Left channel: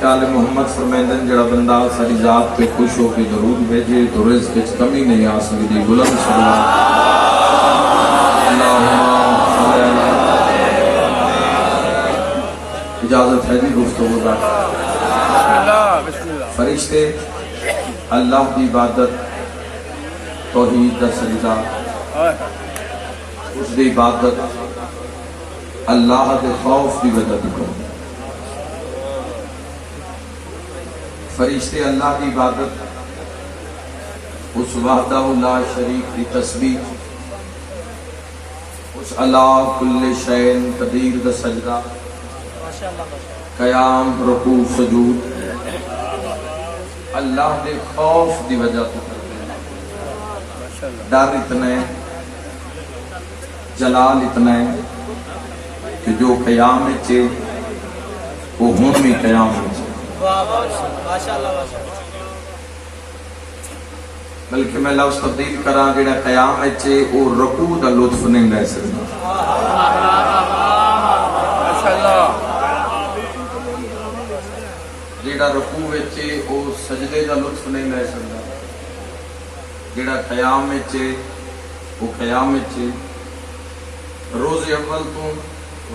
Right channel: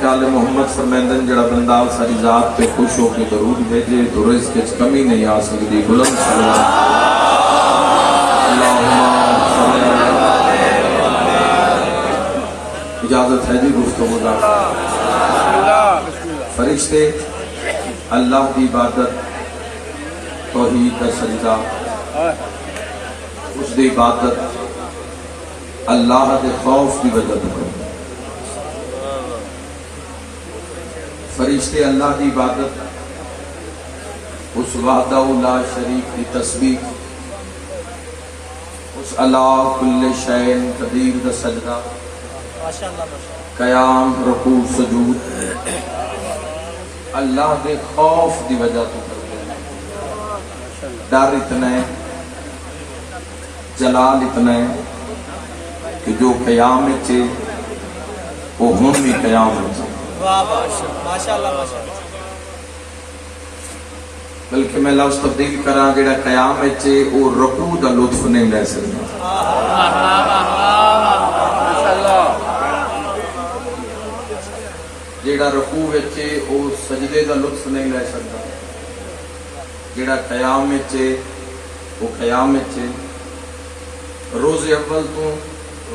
کال محمد فرمیندن جڑا بندہ ساری ذات پہ خوش ہو کے درود بھیجے تو رزق وچ کمی نہیں آ سکتی. بلند صلوات اجازت ہے جی گفتگو کا. فرشتے اللہ دی عبادت توحید دا سجدہ اس دی عبادت اللہ دے خوف دی وجہ تو فرشتے اللہ دی عبادت اس وحدہ لا شریک دی تسبیح اس اللہ کل شین قدیر دا سجدہ قیام رکوع سجود اللہ دے خوف دی وجہ تو ڈر اتنا ہے جلال اتنا ہے کہ جو قیام چے وہ ہم بھی قیام چے بلکہ میں لفظ تبدیل کراں جڑا قیام چے وہ رکوع دا لطف نہیں لے سکتا. جڑا رکوع چے وہ سجدے دا لطف نہیں لے سکتا. جڑا قیام چے وہ قیام چے روز اول تو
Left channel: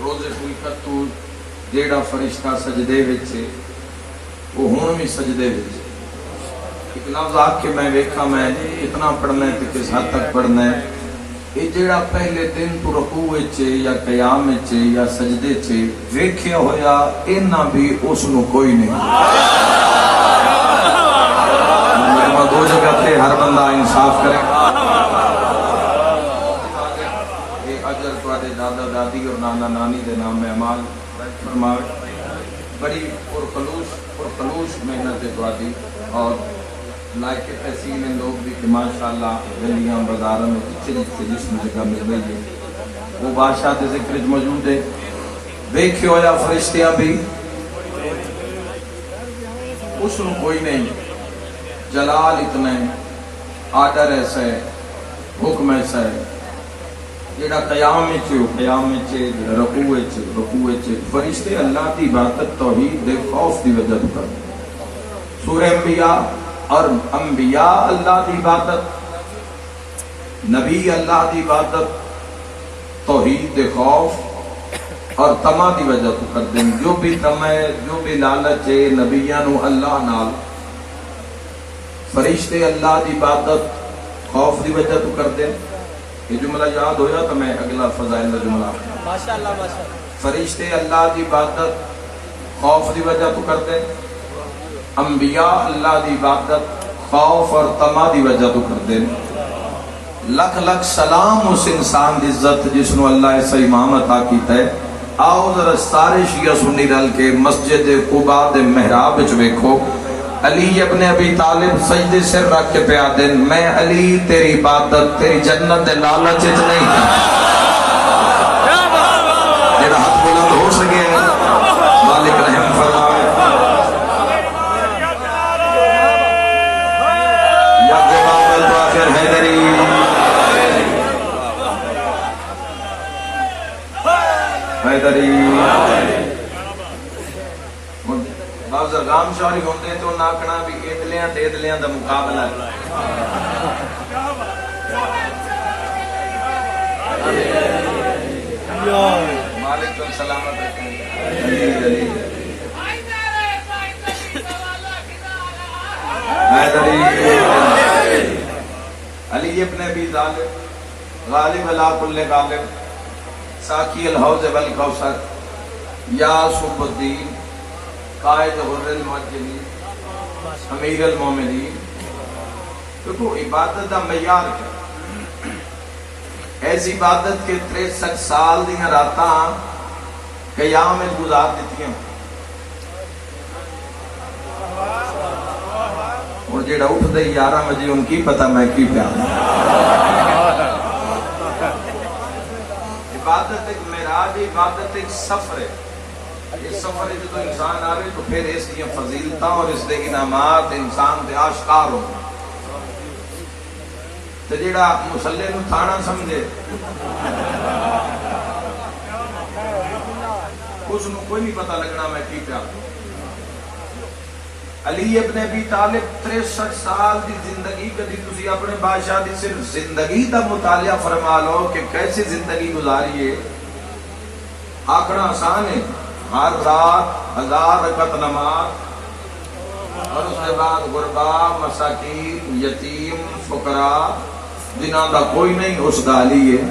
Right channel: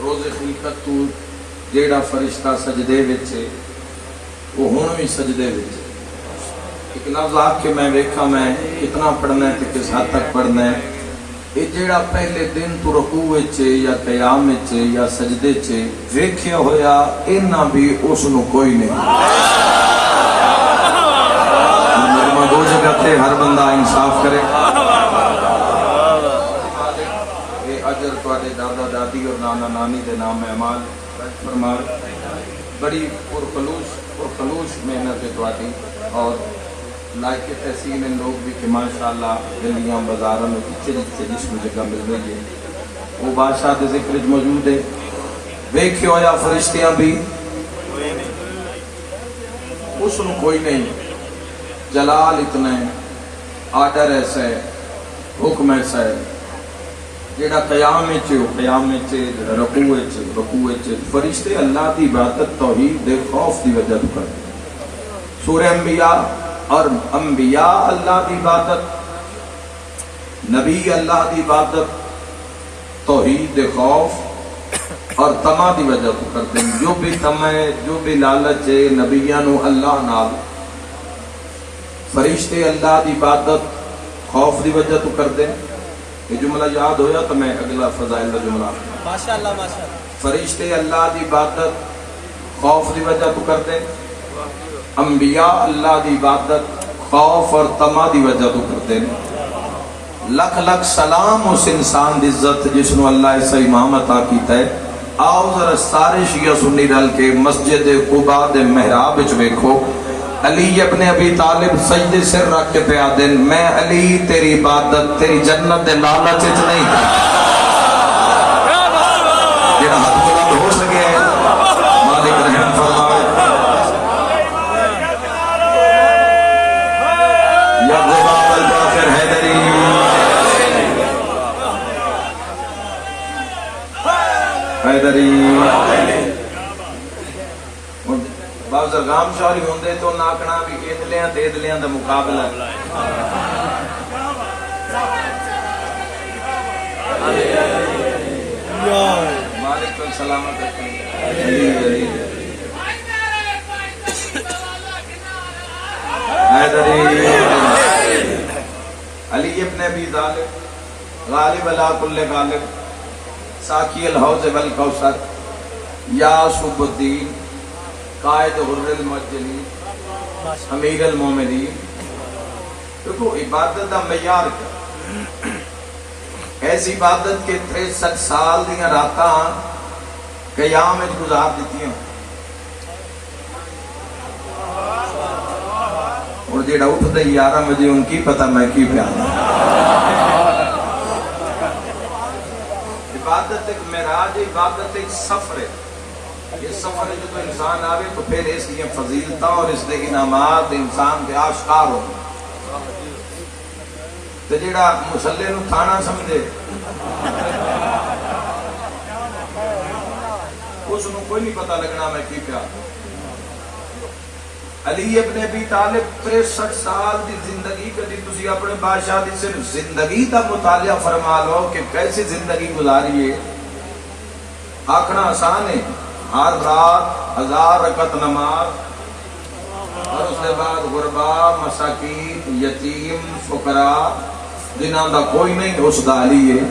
روز خلقت تو جیڑا فرشتہ سجدے وچے وہ ہون بھی سجدے وچے. ایک لفظ آ کے میں ویکھا میں کتنا پڑھنا ہے کس حد تک پڑھنا ہے. یہ جیڑا پہلے دن تو رکوع وچے یا قیام وچے یا سجدے چے ویکھیا ہویا اینا بھی اس نو کوئی نہیں. دو جگہ تے ہر بندہ انصاف کرے. اجر تواڈے دادا دادی اور نانا نانی دے نام اعمال بڑی پرخلوص محنت ہے تواڈی اور لائق تحسین ان لوگ بھی کہ ماشاءاللہ گلیاں بازاراں میں جتھے جسم جگہ مل رہی ہے وہ بادشاہ دے ذکر وچ موجود ہے. ویکھیا ہویا فرشتیاں بھی اس نو کوئی نہیں. جلال اتنا ہے آرڈر ایسا ہے حکم ایسا ہے. جیڑا قیام چے قیام چے رکوع چے فرشتے اللہ دی عبادت توحید دے خوف دی وجہ پر. سورہ انبیاء اور انبیاء اللہ دی عبادت نبی اللہ دی عبادت توحید دے خوف اور طمع دی وجہ تو کر دیں. جو بھی طمع ہے جو بھی لالچ ہے نبیاں نو اللہ نال فرشتے اللہ دی عبادت خوف دی وجہ تو کر دیں. یہ جملہ یاد ہویا تو میں اگلا فضائل کا جملہ فرشتے اللہ دی عبادت خوف دی وجہ تو کر دیں. انبیاء اللہ دی عبادت خوف اور طمع دی وجہ تو کر دیں. لکھ لکھ سلام اس انسان دی عزت جس نو اللہ ایسا امام عطا کیتا ہے. آؤ ذرا سارے شیعہ سنی رل کے مسجد قباء دے محراب وچ ویکھو علی ابن ابی طالب سجدے سر رکھ کے پیا دن میں علی تیری عبادت تیری جنت دے لالچ وچ نہیں تھا. جڑا ہاتھ بلند ہو سکے مالک رحم فرمائے. یا غلام الجعفر حیدری بعض غام شاری ہوندے تو ناکنا بھی ایدلیاں دا مقابلہ. مالک کو سلامت رکھیں. علی ابن ابی طالب غالب علی کل غالب ساقی الحوض والکوثر یا صبح الدین قائد غر المعجلین امیر المومنین. دیکھو عبادت دا معیار کیا. ایسی عبادت کے 63 سال دیاں راتاں قیام وچ گزار دتیاں. اور جڑا اٹھدا 11 بجے ان کی پتہ میں کی پیا. عبادت ایک معراج ہے. عبادت ایک سفر ہے. یہ سفر ہے جو انسان آوے تو پھر اس کی فضیلتاں اور اس کے انعامات انسان دے آشکار ہو. تے جیڑا مسلے نو تھانا سمجھے اس نو کوئی نہیں پتہ لگنا میں کی پیا. علی ابن ابی طالب 63 سال دی زندگی کدی تسی اپنے بادشاہ دی صرف زندگی دا مطالعہ فرما لو کہ کیسی زندگی گزاری ہے. آکھنا آسان ہے، ہر رات 1000 رکعت نماز، اور اس کے بعد غربا، مساکین، یتیم، فقراء، جنہاں دا کوئی نہیں اس دا علی ہے.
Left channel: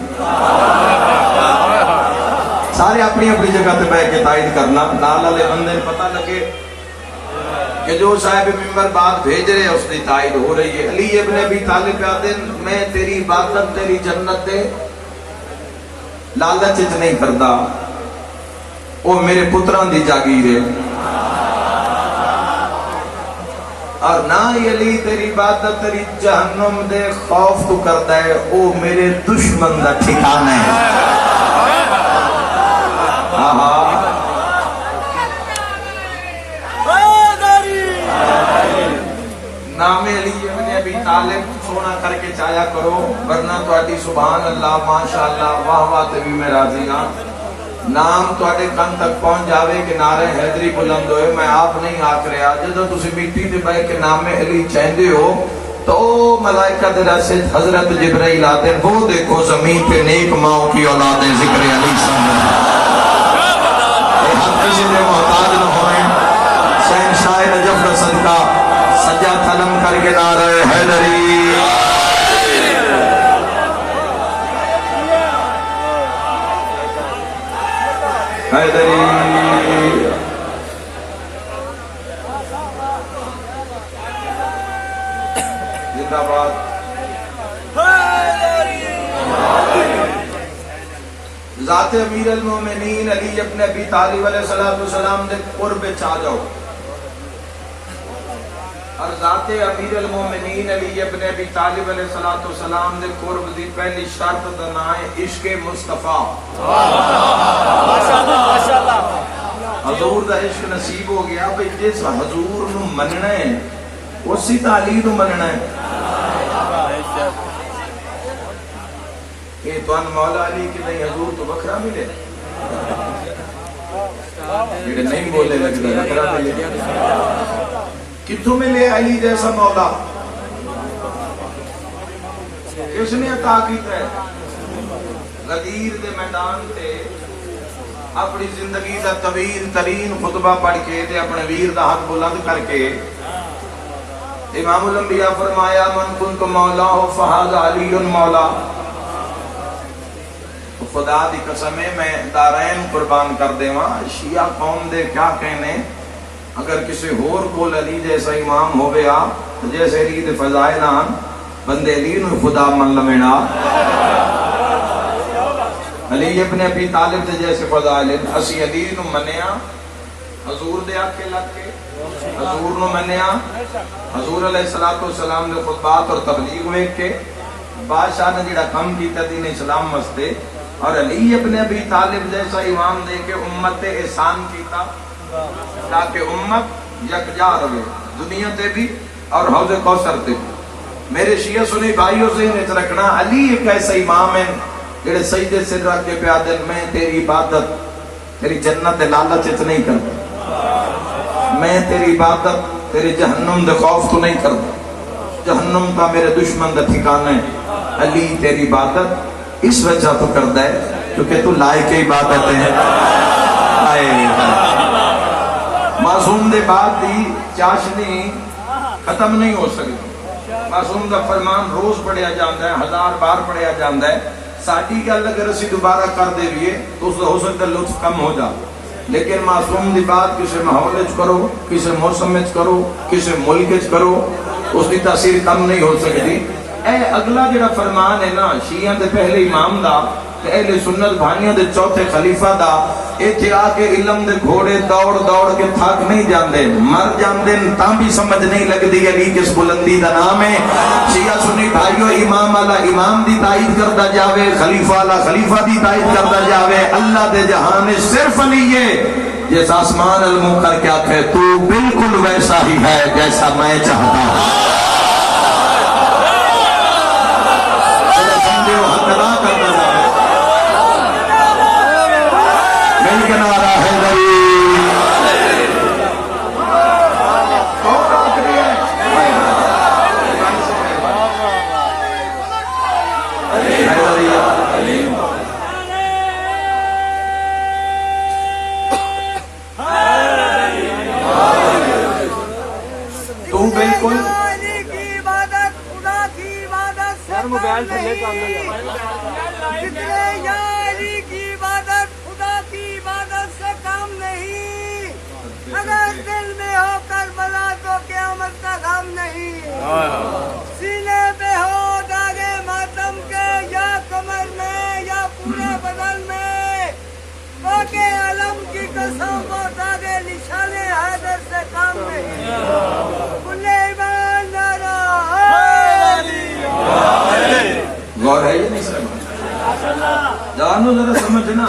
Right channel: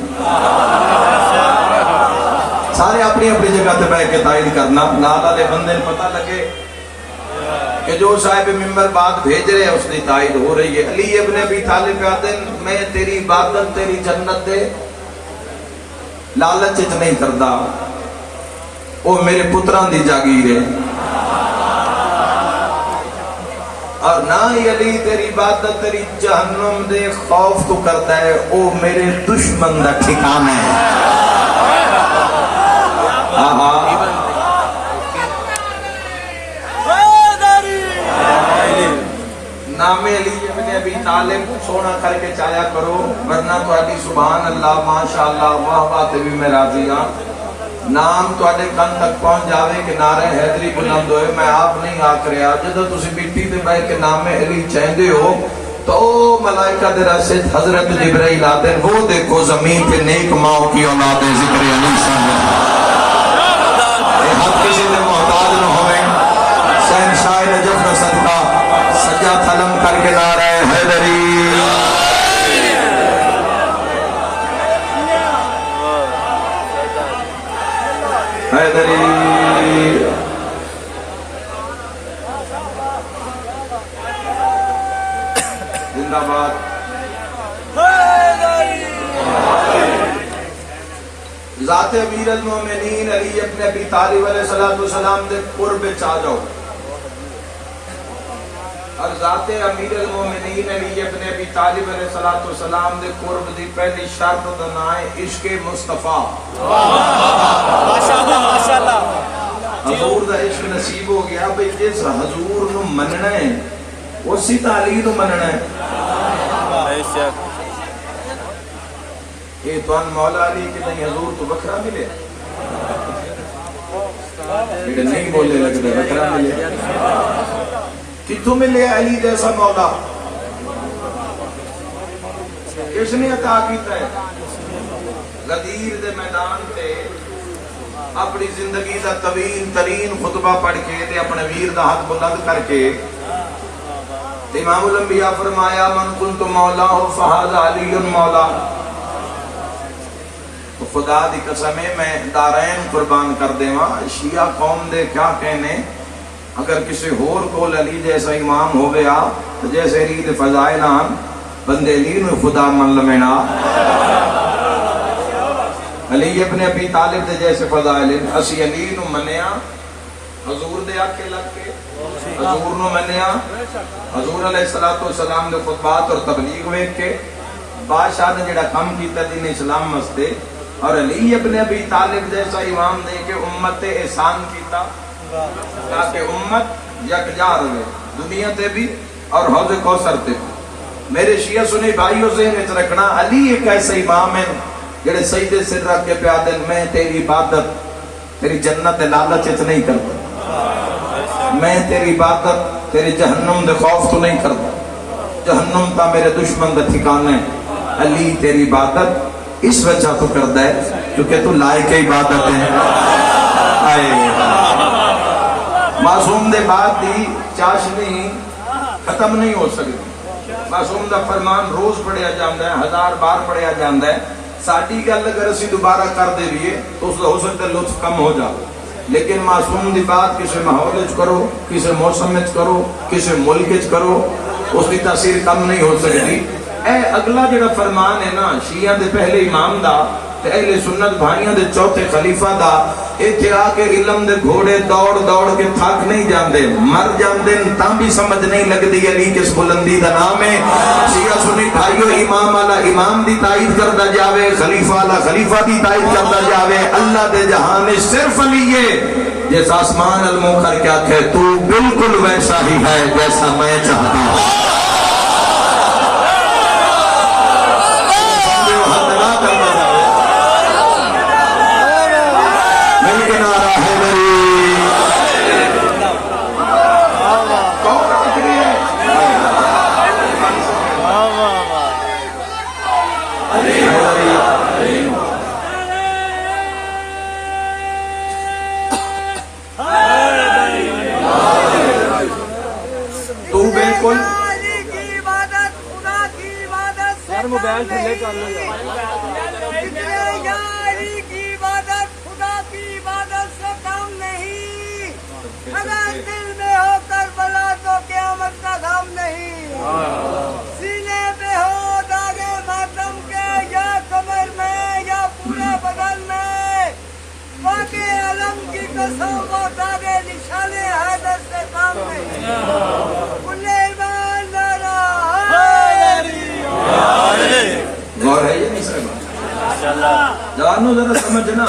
سارے اپنی اپنی جگہ تے بیٹھ کے تائید کرنا، نال والے بندے پتہ لگے کہ جو صاحب ممبر بات بھیج رہے ہیں اس کی تائید ہو رہی ہے. علی ابن ابی طالب کہتے ہیں میں تیری عبادت تیری جنت دے لالچ نہیں کردا، وہ میرے پتران دی جاگیر ہے. اور نہ ہی علی تیری عبادت تیری جہنم دے خوف تو کرتا ہے، وہ میرے دشمن دا ٹھکانہ ہے. نام علی ابن ابی طالب سونا کر کے چایا کرو، ورنہ تواڈی سبحان اللہ ماشاءاللہ واہ واہ تے بھی میں راضی ہاں. نام تواڈے کن تک پہنچ جاوے کہ نعرہ حیدری بلند ہوئے. میں آپ نہیں آکھ رہا، جدوں تسی مٹی تے بیٹھ کے نام علی چاہندے ہو تو ملائکہ دے راستے حضرت جبرائیل آتے ہیں، وہ دیکھو زمین پہ نیک ماؤں کی اولادیں ذکر علی سامنے. کسی نے محتاج نہ ہوئے، شہنشاہ نجف رسل کا سجا تھلم کر کے نعرہ حیدری. حیدری زندہ باد. ذات امیر المومنین علی ابن ابی طالب علیہ السلام دے قرب چاہ جاؤ، اور ذات امیر المومنین علی ابن ابی طالب علیہ السلام دے قرب دی پہلی شرط دا نام ہے عشق مصطفیٰ. حضور دا عشق نصیب ہو گیا بھئی جس حضور نو مننا ہے اسی تعلیم نو مننا ہے. کہ تو ان مولا علی کہ نہیں حضور تو بکرا ملے، لیکن نہیں بولے لگتا بکرا ملے. کتوں ملے علی جیسا مولا؟ کس نے عطا کیتا ہے؟ غدیر دے میدان تے اپنی زندگی دا طویل ترین خطبہ پڑھ کے تے اپنے ویر دا ہاتھ بلند کر کے امام الانبیاء فرمایا من کنت مولا فہذا علی مولا. تو خدا دی قسم ہے میں دارین قربان کر دے ماں شیعہ قوم دے کیا کہنے اگر کسی ہور کول علی جیسا امام ہو گیا جیسے علی دے فضائل آن بندے علی نو خدا من لمنا. علی ابن ابی طالب دے جیسے فضائل اسی علی نو منیا حضور دے آکھے لگ کے حضور نو منیا حضور علیہ السلام دے خطبات اور تبلیغ ویکھ کے بادشاہ نے جڑا کم کیتا دین اسلام واسطے، اور علی ابن ابی طالب جیسا امام دے کے امت تے احسان کیتا تاکہ امت یکجا رہے دنیا تے بھی اور حوض کوثر تے بھی. میرے شیعہ سنی بھائیوں سے انہیں رکھنا علی ایک ایسا امام ہے جڑے سجدے سے رکھ کے پیادل میں تیری عبادت تیری جنت لالچ نہیں کرتا، میں تیری عبادت تیری جہنم دے خوف تو نہیں کرتا، جہنم کا میرے دشمن دا ٹھکانہ ہے. علی تیری عبادت اس وجہ تو کرتا ہے کیونکہ تو لائق عبادت ہے. معصوم دے بعد دی چاشنی ختم نہیں ہو سکتی. معصوم دا فرمان روز پڑھیا جاندہ ہے، 1000 بار پڑھیا جاندہ ہے. ساڑھی گل اگر اسی دوبارہ کر دے لیے تو اس کا ہو سکتا ہے لطف کم ہو جائے، لیکن معصوم دی بات کسی ماحول کرو، کسی موسم کرو، کسی ملک کرو، اس کی تاثیر کم نہیں ہو سکتی. اے اگلا جڑا فرمان ہے نا شیعہ دے پہلے امام دا تے اہل سنت بھائیاں دے چوتھے خلیفہ دا، اے تیرا کے علم دے گھوڑے دوڑ دوڑ کے تھک نہیں جاندے، مر جاندے تاں بھی سمجھ نہیں لگدی علی کس بلندی دا نام ہے. شیعہ سنی بھائیو امام والا امام دی تائید کردا جاوے، خلیفہ والا خلیفہ دی تائید کردا جاوے. اللہ دے جہان میں صرف علی ہے جیسا آسمان المو کر کے آکھے تو بالکل ویسا ہی ہے جیسا میں چاہتا ہوں. موبائل تھلے کر لو یار یاری کی عبادت خدا کی عبادت سے کم نہیں اگر دل میں ہو کربلا تو قیامت کا غم نہیں سینے پہ ہو داغے ماتم کے یا کمر میں یا پورے بدن میں باقی علم کی قسم وہ داغے نشانے حیدر سے کم نہیں انہیں ایمان ڈالا غور ہے یہ نہیں سمجھ جانو ذرا سمجھنا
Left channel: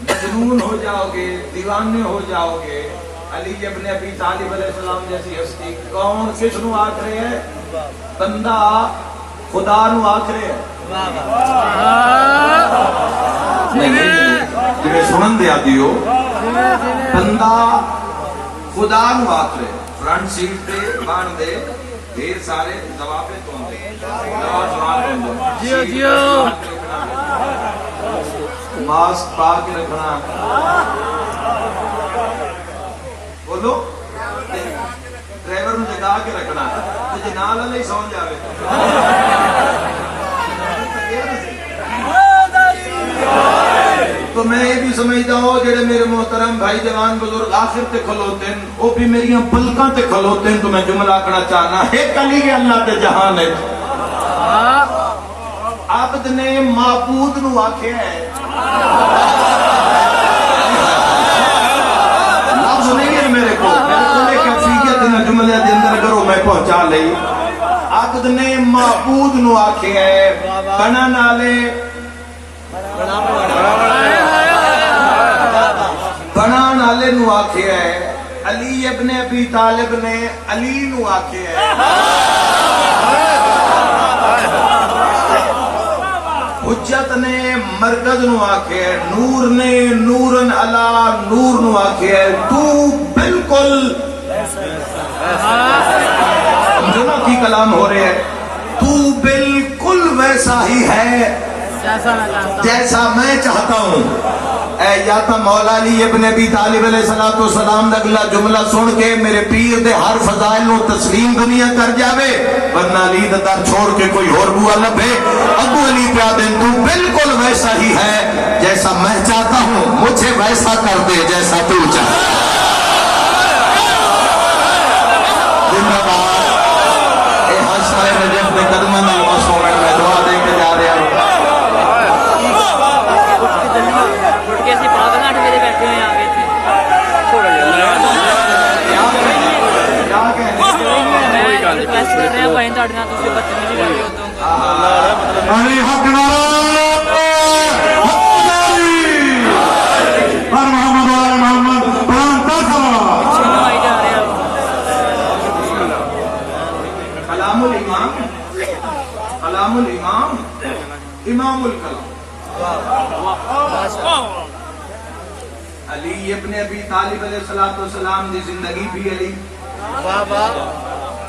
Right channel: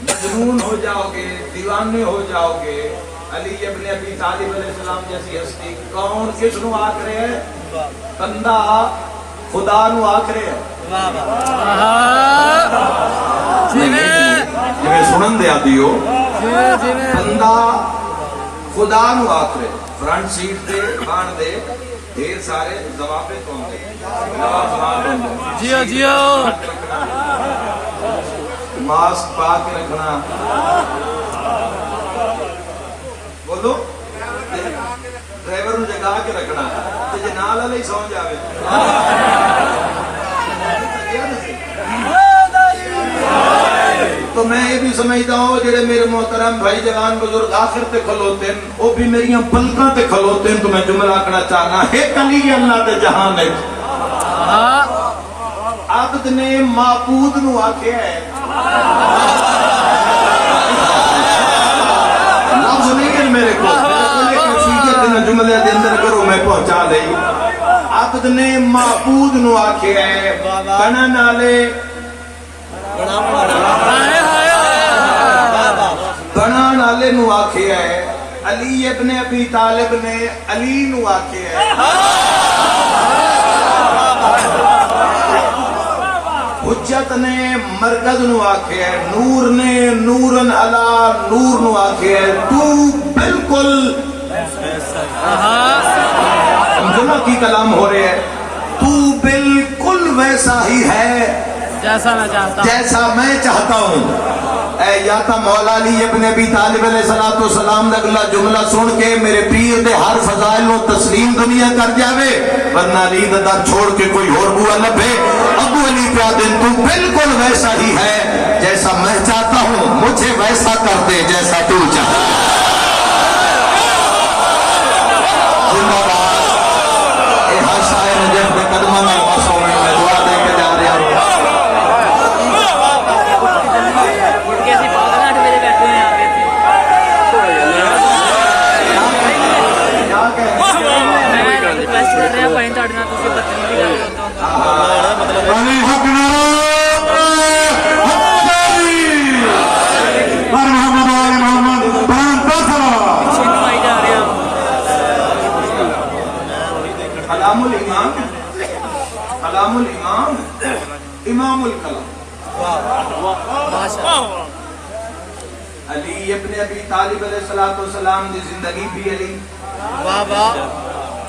مجنون ہو جاؤ گے دیوانے ہو جاؤ گے علی ابن ابی طالب علیہ السلام جیسی ہستی کون کس نو آکھ رہے ہے بندہ خدا نو آکھ رہے ہے جی سنن دیا دیو بندہ خدا نو آکھ رہے فرنٹ سیٹ دے بان دے ڈھیر سارے جواب جیو جیو ماسک پا کے رکھنا بولو ڈرائیور نو جگا کے رکھنا تو جنال نہیں سمجھ آئے تو میں یہ بھی سمجھتا ہوں جڑے میرے محترم بھائی جوان بزرگ آخر تے کھلوتے ہیں وہ بھی میری پلکاں تے کھلوتے ہیں تو میں جملہ آکھنا چاہنا ایک علی کے اللہ تے جہان ہے عبد نے معبود نو آکھیا ہے لفظ نہیں ہے میرے کو کیفیت نے جملے دے اندر کرو میں پہنچا دئی عبد نے معبود نو آکھیا ہے بنن والے بنان والے نو آکھیا ہے علی ابن ابی طالب نے علی نو آکھیا ہے حجت نے مرکز نو آکھیا ہے نور نے نورن علا نور نو آکھیا ہے تو بالکل جمعہ کی کلام ہو رہے ہیں تو بالکل ویسا ہی ہے جیسا میں چاہتا ہوں اے یا تا مولا علی ابن ابی طالب علیہ السلام نے اگلا جملہ سن کے میرے پیر دے ہر فضائل نو تسلیم دنیا کر جاوے ورنہ علی دا در چھوڑ کے کوئی اور بوا لبھے ابو علی پیا دن تو بالکل ویسا ہی ہے جیسا میں چاہتا ہوں مجھے ویسا کر دے جیسا تو چاہتا زندہ باد اے ہر شاعر نجف میں قدمہ میں مسوڑ میں دعا دے کے جا رہے ہیں کیسی پاگل 8 بجے بیٹھے ہوئے آگے تھے میں ریکویسٹ کر رہا بھائی تھوڑے نال تسی بدتمیزی کر رہے ہو پیچھے نو آئی جا رہے ہو کلام الامام کلام الامام امام الکلام علی ابن ابی طالب علیہ السلام دی زندگی بھی علی واہ واہ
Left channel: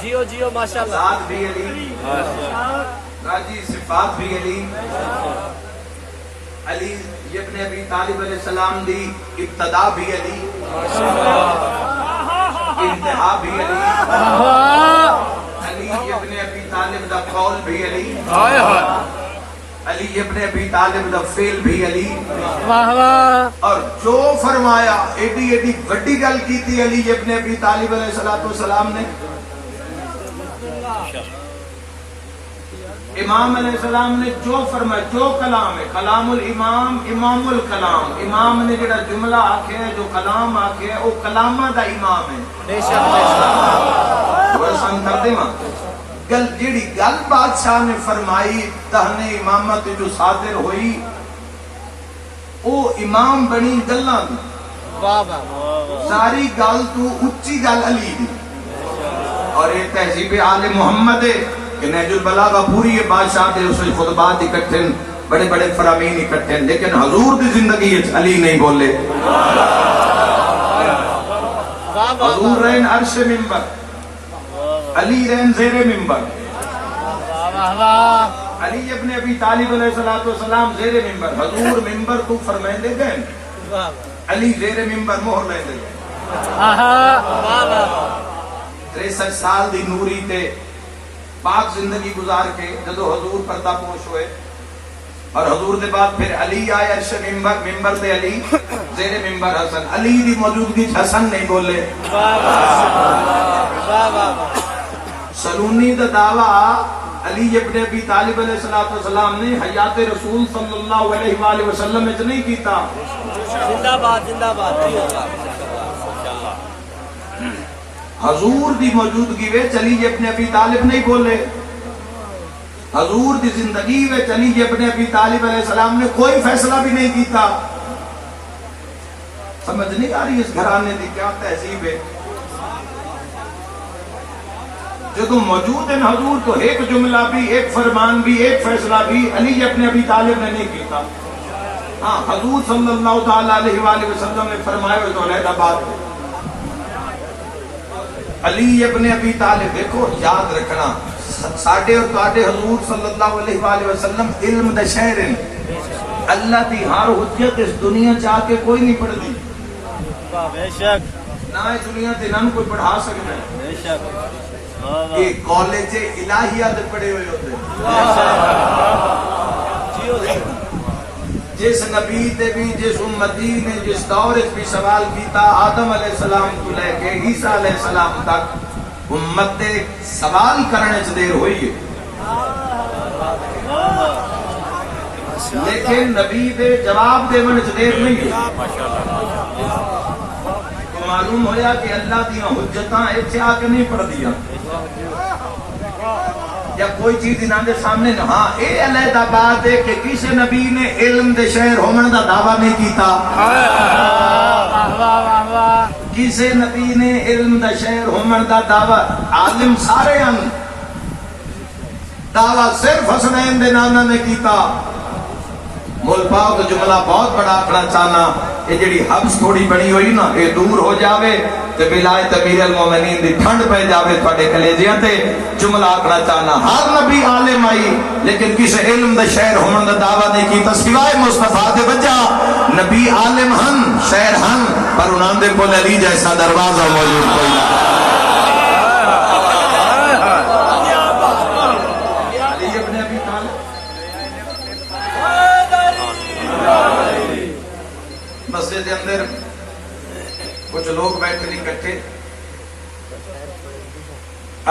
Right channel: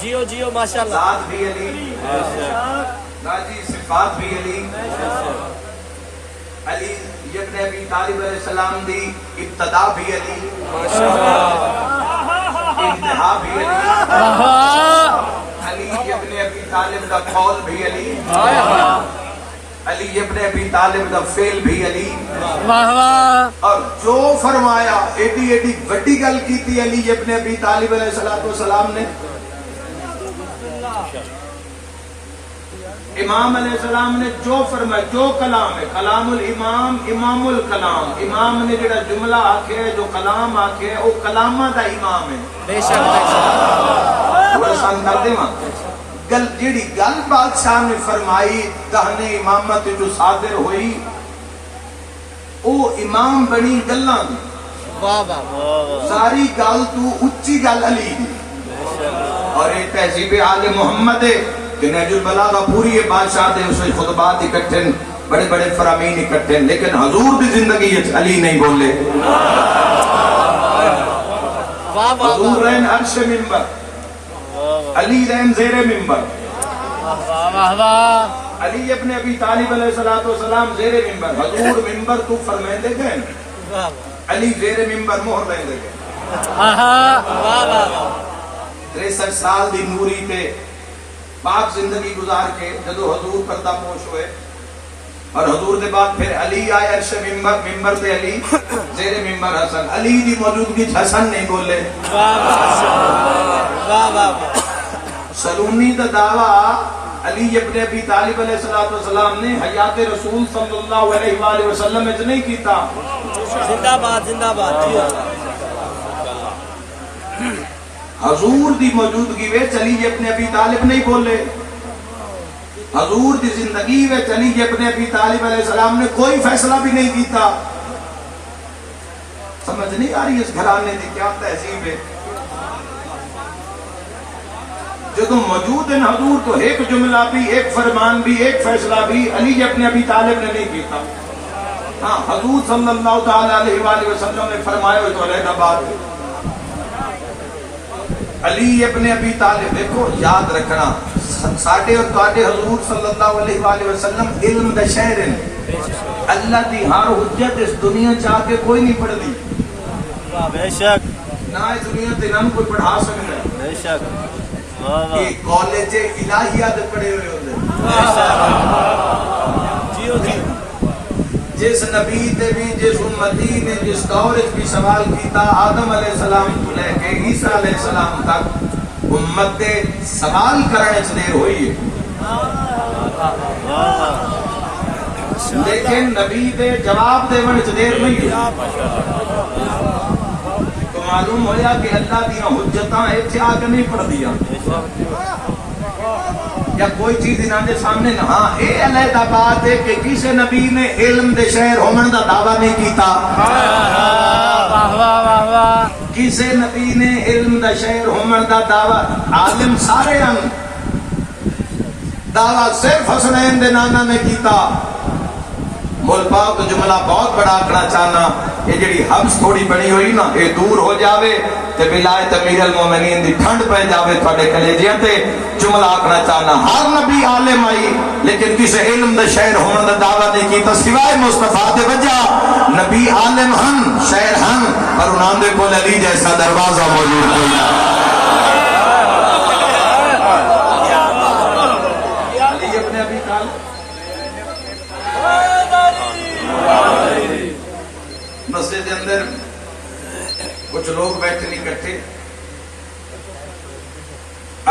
جیو جیو ماشاءاللہ ذات بھی علی راجی صفات بھی علی علی ابن ابی طالب علیہ السلام دی ابتدا بھی علی انتہا بھی علی علی ابن ابی طالب دا قول بھی علی علی ابن ابی طالب دا فعل بھی علی اور جو فرمایا ایڈی ایڈی وڈی گل کی تھی علی ابن ابی طالب علیہ السلام نے امام علیہ السلام نے جو فرمایا جو کلام ہے کلام الامام امام الکلام امام نے جڑا جملہ آکھے ہے جو کلام آکھے ہے وہ کلامہ دا امام ہے وہ آسان کر دے ماں گل جیڑی گل بادشاہ نے فرمائی دہنے امامت جو صادر ہوئی او امام بنی گلاں دی ساری گل تو اچھی گل علی دی اور یہ تہذیب آل محمد ہے کہ نہج البلاغہ پوری یہ بادشاہ دے اس خطبات اکٹھے بڑے بڑے فرامین اکٹھے لیکن حضور دی زندگی علی نہیں بولے حضور رہن عرش منبر علی رحم زیر ممبر علی ابن ابی طالب علیہ السلام زیر ممبر حضور ممبر تو فرمائیں دے گئے علی زیر ممبر مہر لیں دے گئے 63 سال دی نوری تے پاک زندگی گزار کے جدو حضور پردہ پوش ہوئے اور حضور دے بعد پھر علی آئے عرش ممبر تے علی زیر ممبر حسن علی دی موجودگی حسن نہیں بولے سلونی دا دعویٰ علی ابن ابی طالب علیہ السلام نے حیات رسول صلی اللہ علیہ وآلہ وسلم میں نہیں کیتا. زندہ باد زندہ باد. حضور دی موجودگی وچ علی ابن ابی طالب نہیں بولے. حضور دی زندگی وچ علی ابن ابی طالب علیہ السلام نے کوئی فیصلہ بھی نہیں کیتا. سمجھ نہیں آ رہی اس گھرانے دی کیا تہذیب ہے. جدو موجود ہیں حضور تو ایک جملہ بھی، ایک فرمان بھی، ایک فیصلہ بھی علی ابن ابی طالب نے نہیں کیتا. ہاں حضور صلی اللہ تعالی علیہ وآلہ وسلم نے فرمایا تو علیحدہ بات علی ابن ابی طالب. دیکھو یاد رکھنا ساڈے اور تواڈے حضور صلی اللہ علیہ وآلہ وسلم علم دے شہر ہیں. اللہ دی ہر حجت اس دنیا چاہ کے کوئی نہیں پڑھ دی. بے شک نہ اس دنیا تے نہ کوئی پڑھا سکتا ہے. بے شک یہ کالج الہیہ دے پڑھے ہوئے ہوتے جس نبی تے بھی جس امتی نے جس دور بھی سوال کیتا آدم علیہ السلام تو لے کے عیسیٰ علیہ السلام تک امت دے سوال کرنے چ دیر ہوئی ہے، لیکن نبی دے جواب دیون چ دیر نہیں ہے. تو معلوم ہویا کہ اللہ دیاں حجتاں ایتھے آ کے نہیں پڑھ دیا یا کوئی چیز انہاں دے سامنے نہ. ہاں اے علیحدہ بات ہے کہ کسی نبی نے علم دے شہر ہومن دا دعویٰ نہیں کیتا. کسی نبی نے علم دا شہر ہومن دا دعویٰ، عالم سارے ہم دعویٰ صرف حسنین دے نانا نے کیتا. مول پاک تو جملہ بہت بڑا آکڑا چاہنا، یہ جڑی حبس تھوڑی بڑی ہوئی نا یہ دور ہو جاوے تے ولایت امیر المومنین دی ٹھنڈ پہ جاوے تھوڑے کلیجیاں تے. جملہ آکڑا چاہنا ہر نبی عالم آئی لیکن کسی علم دے شہر ہونے دا دعویٰ نہیں کیتا سوائے مصطفیٰ دے وجہ. نبی عالم ہن شہر ہن پر انہاں دے کول علی جیسا دروازہ موجود نہیں. علی ابن ابی طالب مسجد کے اندر کچھ لوگ بیٹھے اکٹھے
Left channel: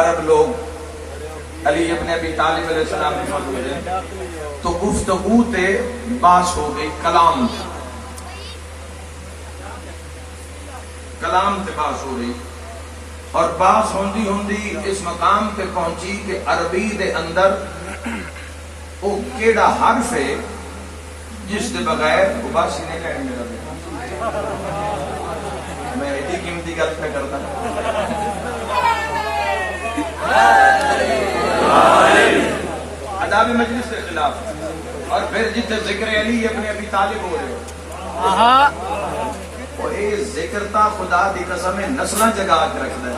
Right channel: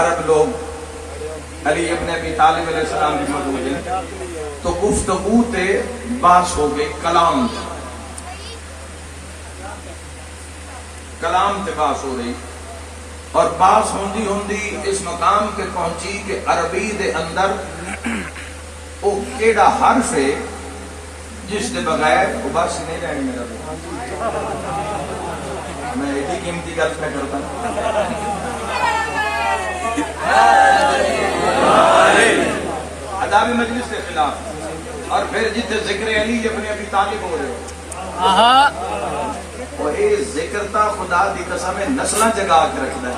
عرب لوگ علی ابن ابی طالب علیہ السلام کی موجود ہیں تو گفتگو تے بات ہو گئی کلام تے بات ہو رہی اور بات ہوندی ہوندی اس مقام پہ پہنچی کہ عربی دے اندر وہ کیڑا حرف ہے جس کے بغیر وہ بس نہیں رہنے میرا. میں ایسی قیمتی گل میں کرتا اداب مجلس کے خلاف اور پھر جتنے ذکر علی ابن ابی طالب ہو رہے اور یہ ذکر تا خدا دی قسم نسلاں جگا کے رکھتا ہے.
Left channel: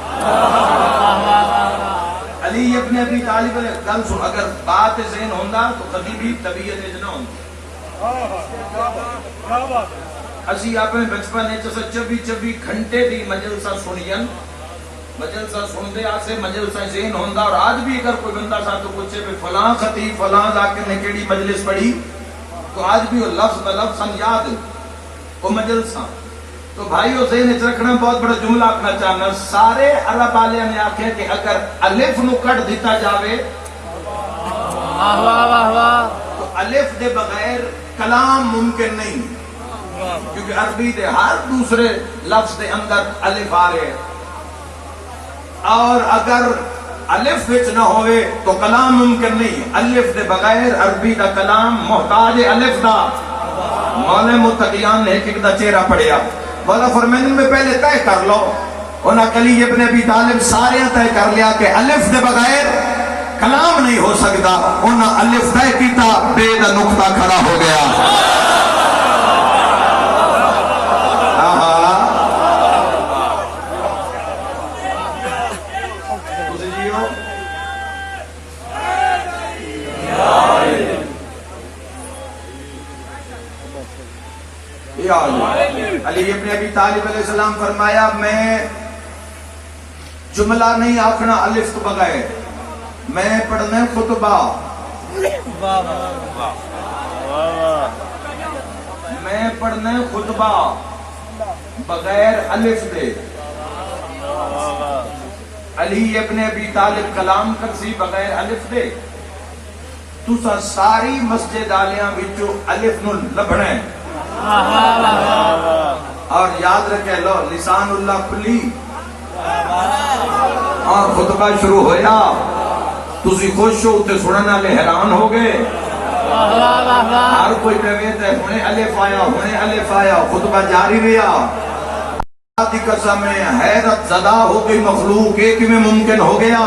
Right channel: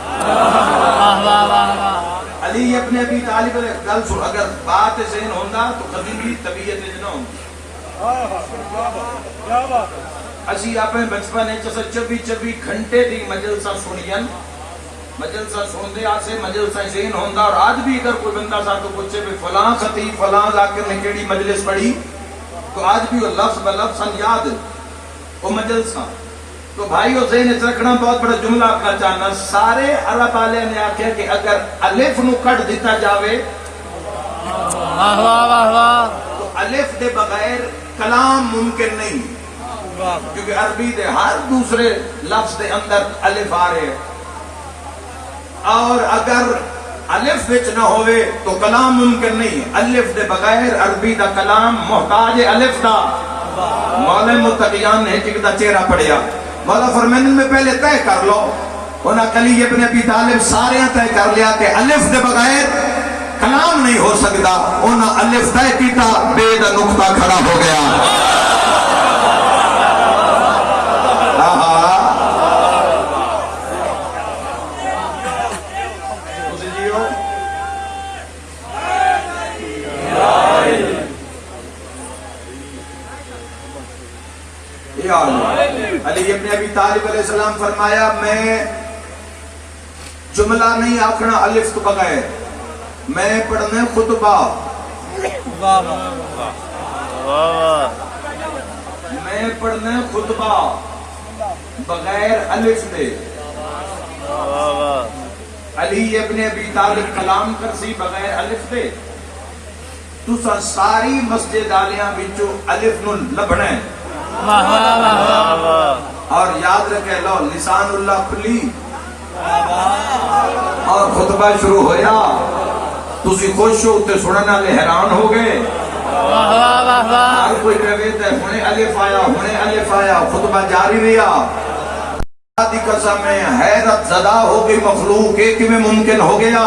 علی ابن ابی طالب علیہ گل سن اگر بات ذہن ہوندا تو کبھی بھی طبیعت نہ ہوندی. اسی اپنے بچپن 24 گھنٹے دی مجلسہ سنین مجلسہ سنتے آسے مجلسہ ذہن ہوندا. اور آج بھی اگر کوئی بندہ ساتھ تو پوچھے بھی فلاں خطیب فلاں ذاکر نے کیڑی مجلس پڑھی تو آج بھی وہ لفظ بلفظ یاد وہ مجلسہ. تو بھائی وہ ذہن رکھنا بہت بڑا جملہ اپنا چاہنا. سارے عرب والے نے آخیا کہ اگر الف نو کٹ دیتا جاوے تو الف دے بغیر کلام ممکن نہیں کیونکہ عربی دے ہر دوسرے لفظ دے اندر الف آ رہے ہیں اور اگر الف وچ نہ ہوئے تو کلام ممکن نہیں. الف دے بغیر عربی دا کلام محتاج الف دا. مولا متقیان نے ایک دا چہرہ پڑھیا مولا فرمانے میں پہلے طے کر لو. انہاں علی ابن ابی طالب سارے طے کر لیا کہ الف دے بغیر کلام نہیں ہو سکتا. انہاں الف طے کیتا بے دا نقطہ کھڑا ہو گیا. علی ابن ابی طالب علیہ السلام فرمایا میں جملہ نہیں آکھنا الف کو بغیر. میں پڑھنا ہے خطبہ، واہ واہ میں پڑھنا ہے خطبہ بغیر الف دے۔ علی ابن ابی طالب کلام کرسی بغیر الف دے، تسا ساری مسجد آلیاں وچوں الف نو لبنا ہے، اور یاد رکھے لو لسان اللہ کھلی اور خطبہ شروع ہویا، تسی خوش ہو تے سنن والے حیران ہو گئے، ہر کوئی کہے تے ہنے الف آیا، خطبہ جاری رہا۔ دی قسم ہے حیرت زدہ ہو گئی مخلوق، ایک میں ممکن ہو گیا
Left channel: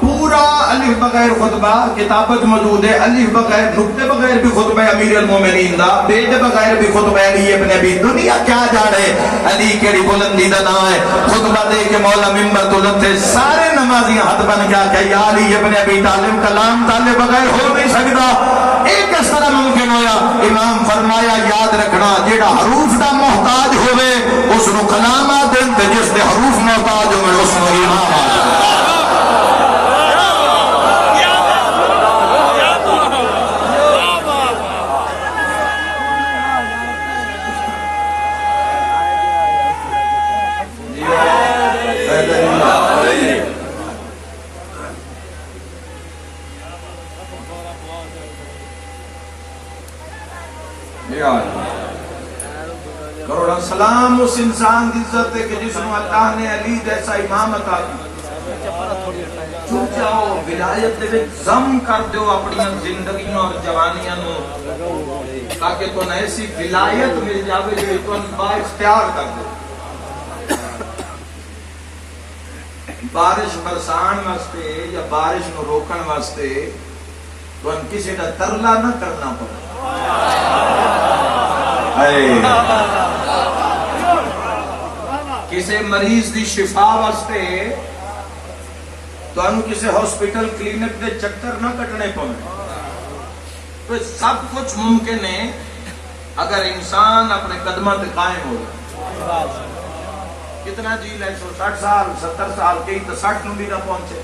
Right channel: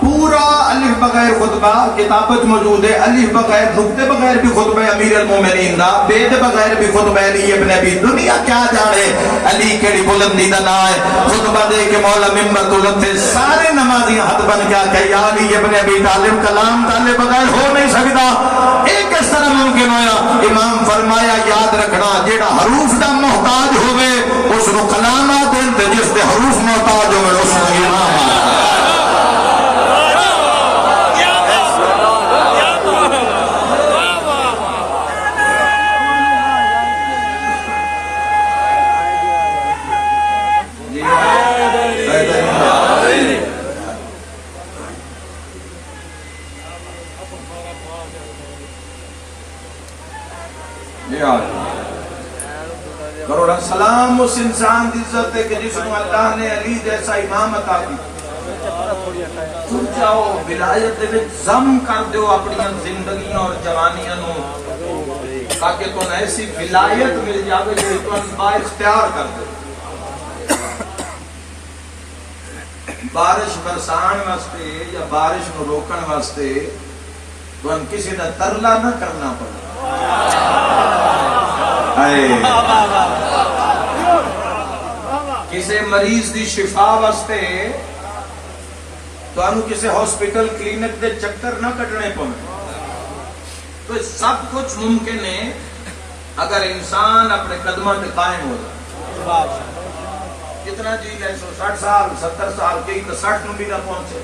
پورا الف بغیر خطبہ، کتابت موجود ہے الف بغیر نقطے بغیر بھی خطبہ امیر المومنین دا، بید بغیر بھی خطبہ علی ابن ابی، دنیا کیا جانے علی کیڑی بلندی دا نا ہے، خطبہ دے کے مولا ممبر تو لتے سارے نمازی ہاتھ بن گیا کہ یا علی ابن ابی طالب کلام طالب بغیر ہو نہیں سکتا، ایک اس طرح ممکن ہویا، امام فرمایا یاد رکھنا جیڑا حروف دا محتاج ہوئے اس نو کلامات دیں تے جس دے حروف محتاج ہوئے اس نو امام کروڑا سلام اس انسان دی عزت ہے کہ جس کو اللہ نے علی جیسا امام عطا کی، چھوٹ جاؤ ولایت دے وچ ضم کر دیو اپنی زندگیاں اور جوانیاں نو، تاکہ تو ایسی ولایت مل جاوے جو تو با اختیار کر دے۔ بارش برسان واسطے یا بارش کو روکن واسطے تو ہم کسی کا ترلا نہ کرنا پڑے، کسی مریض دی شفا واسطے تو انو کسی ہاسپٹل کلینک دے چکر نہ کٹنے پڑے، تو سب کچھ ممکن ہے اگر انسان اپنے قدموں پہ قائم ہو جائے۔ کتنا جی ہے 160 سال 70 سال کئی تو 60 نو بھی نہ پہنچے،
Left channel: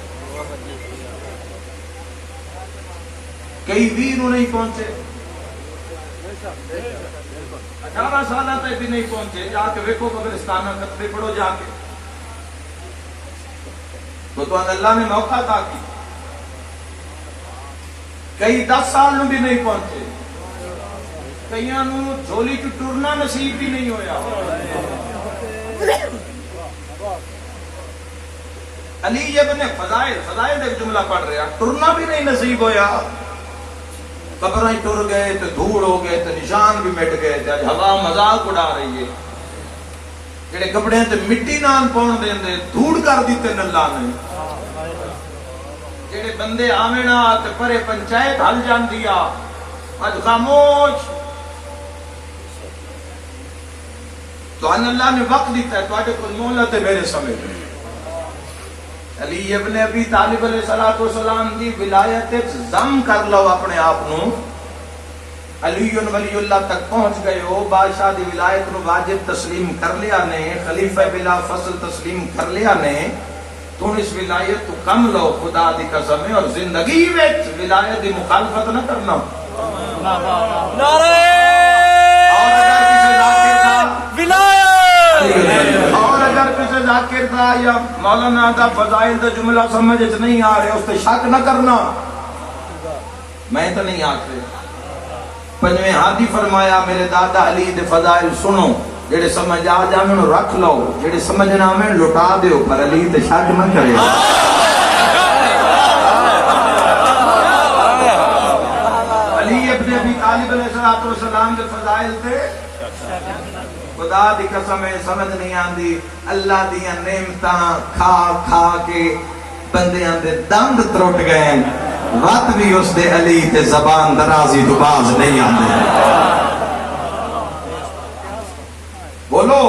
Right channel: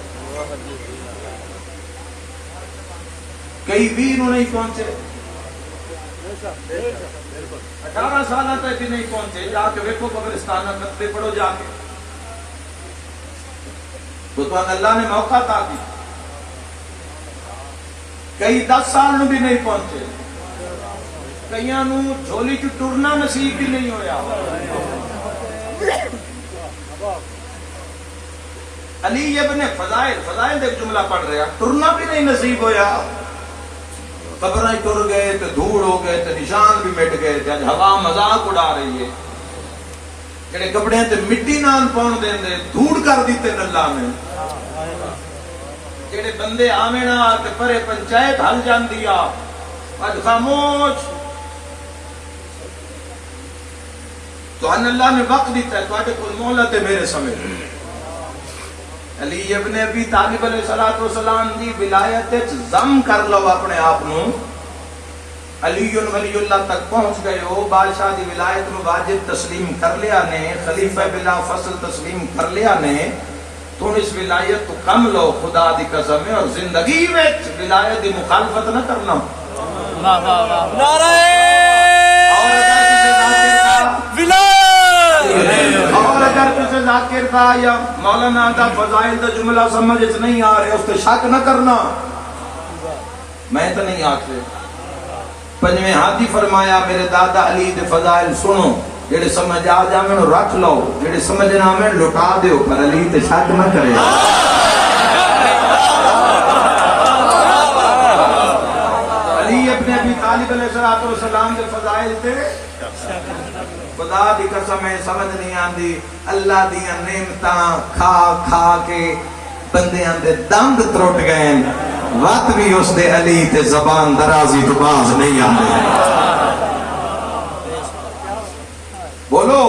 کئی 20 نو نہیں پہنچے، 18 سال تک بھی نہیں پہنچے، جا کے ویکھو قبرستان میں خطبے پڑھو جا کے، تو اللہ نے موقع تھا کہ کئی 10 سال نو بھی نہیں پہنچے، کئیاں نو جھولی چ ٹرنا نصیب بھی نہیں ہویا۔ علی ابن فضائل دے جملہ پڑھ رہا، ٹرنا بھی نہیں نصیب ہویا، قبریں ٹر گئے تو دھوڑ ہو گئے تو نشان بھی مٹ گئے، جب ہوا مذاق اڑا رہی ہے، کہڑے کپڑے تے مٹی نال پاؤں دیندے دھوڑ کر دیتے اللہ نے، کہڑے بندے آویں نہ تے پرے پنچایت ہل جاندی آ، اج خاموش، تو ان اللہ نے وقت دیتا ہے تواڈے کول مہلت ہے میرے سمجھ۔ علی ابن ابی طالب علیہ السلام دی ولایت وچ ضم کر لو اپنے آپ نو، علی ولی اللہ تک پہنچ گئے ہو، بادشاہ دی ولایت نو واجب تسلیم کر لیا نے، خلیفہ بلا فصل تسلیم کر لیا نے، تو اس ولایت کو کم لو خدا دی قسم ہے، اور زندگی وچ ولایت دی مخالفت نہ کرنا۔ نعرہ اور اگر کسی ذاکر کا ولایت، اور اگر کسی ذاکر کا یا مولانا کا فضائل دا جملہ سمجھ نہیں آ رہے اس تے شک نہ کرنا، میں تو نہیں آتے۔ پنجویں ہاتھی فرمایا میرے دادا علی دے فضائل سنو، جڑے سمجھ آ جاویں رکھ لو، جڑے سمجھ نہ آویں لٹا دیو، پر علی تے شک نہ کرے۔ علی ابن ابی طالب علیہ السلام دے فضائل تے خدا دی قسم ہے سمجھ نہیں آندی، اللہ دیاں نعمتاں کھا کھا کے بندیاں دے دند ترٹ گئے، وقت بھی اس دے علی تے زبان درازی تو باز نہیں آندے۔ بولو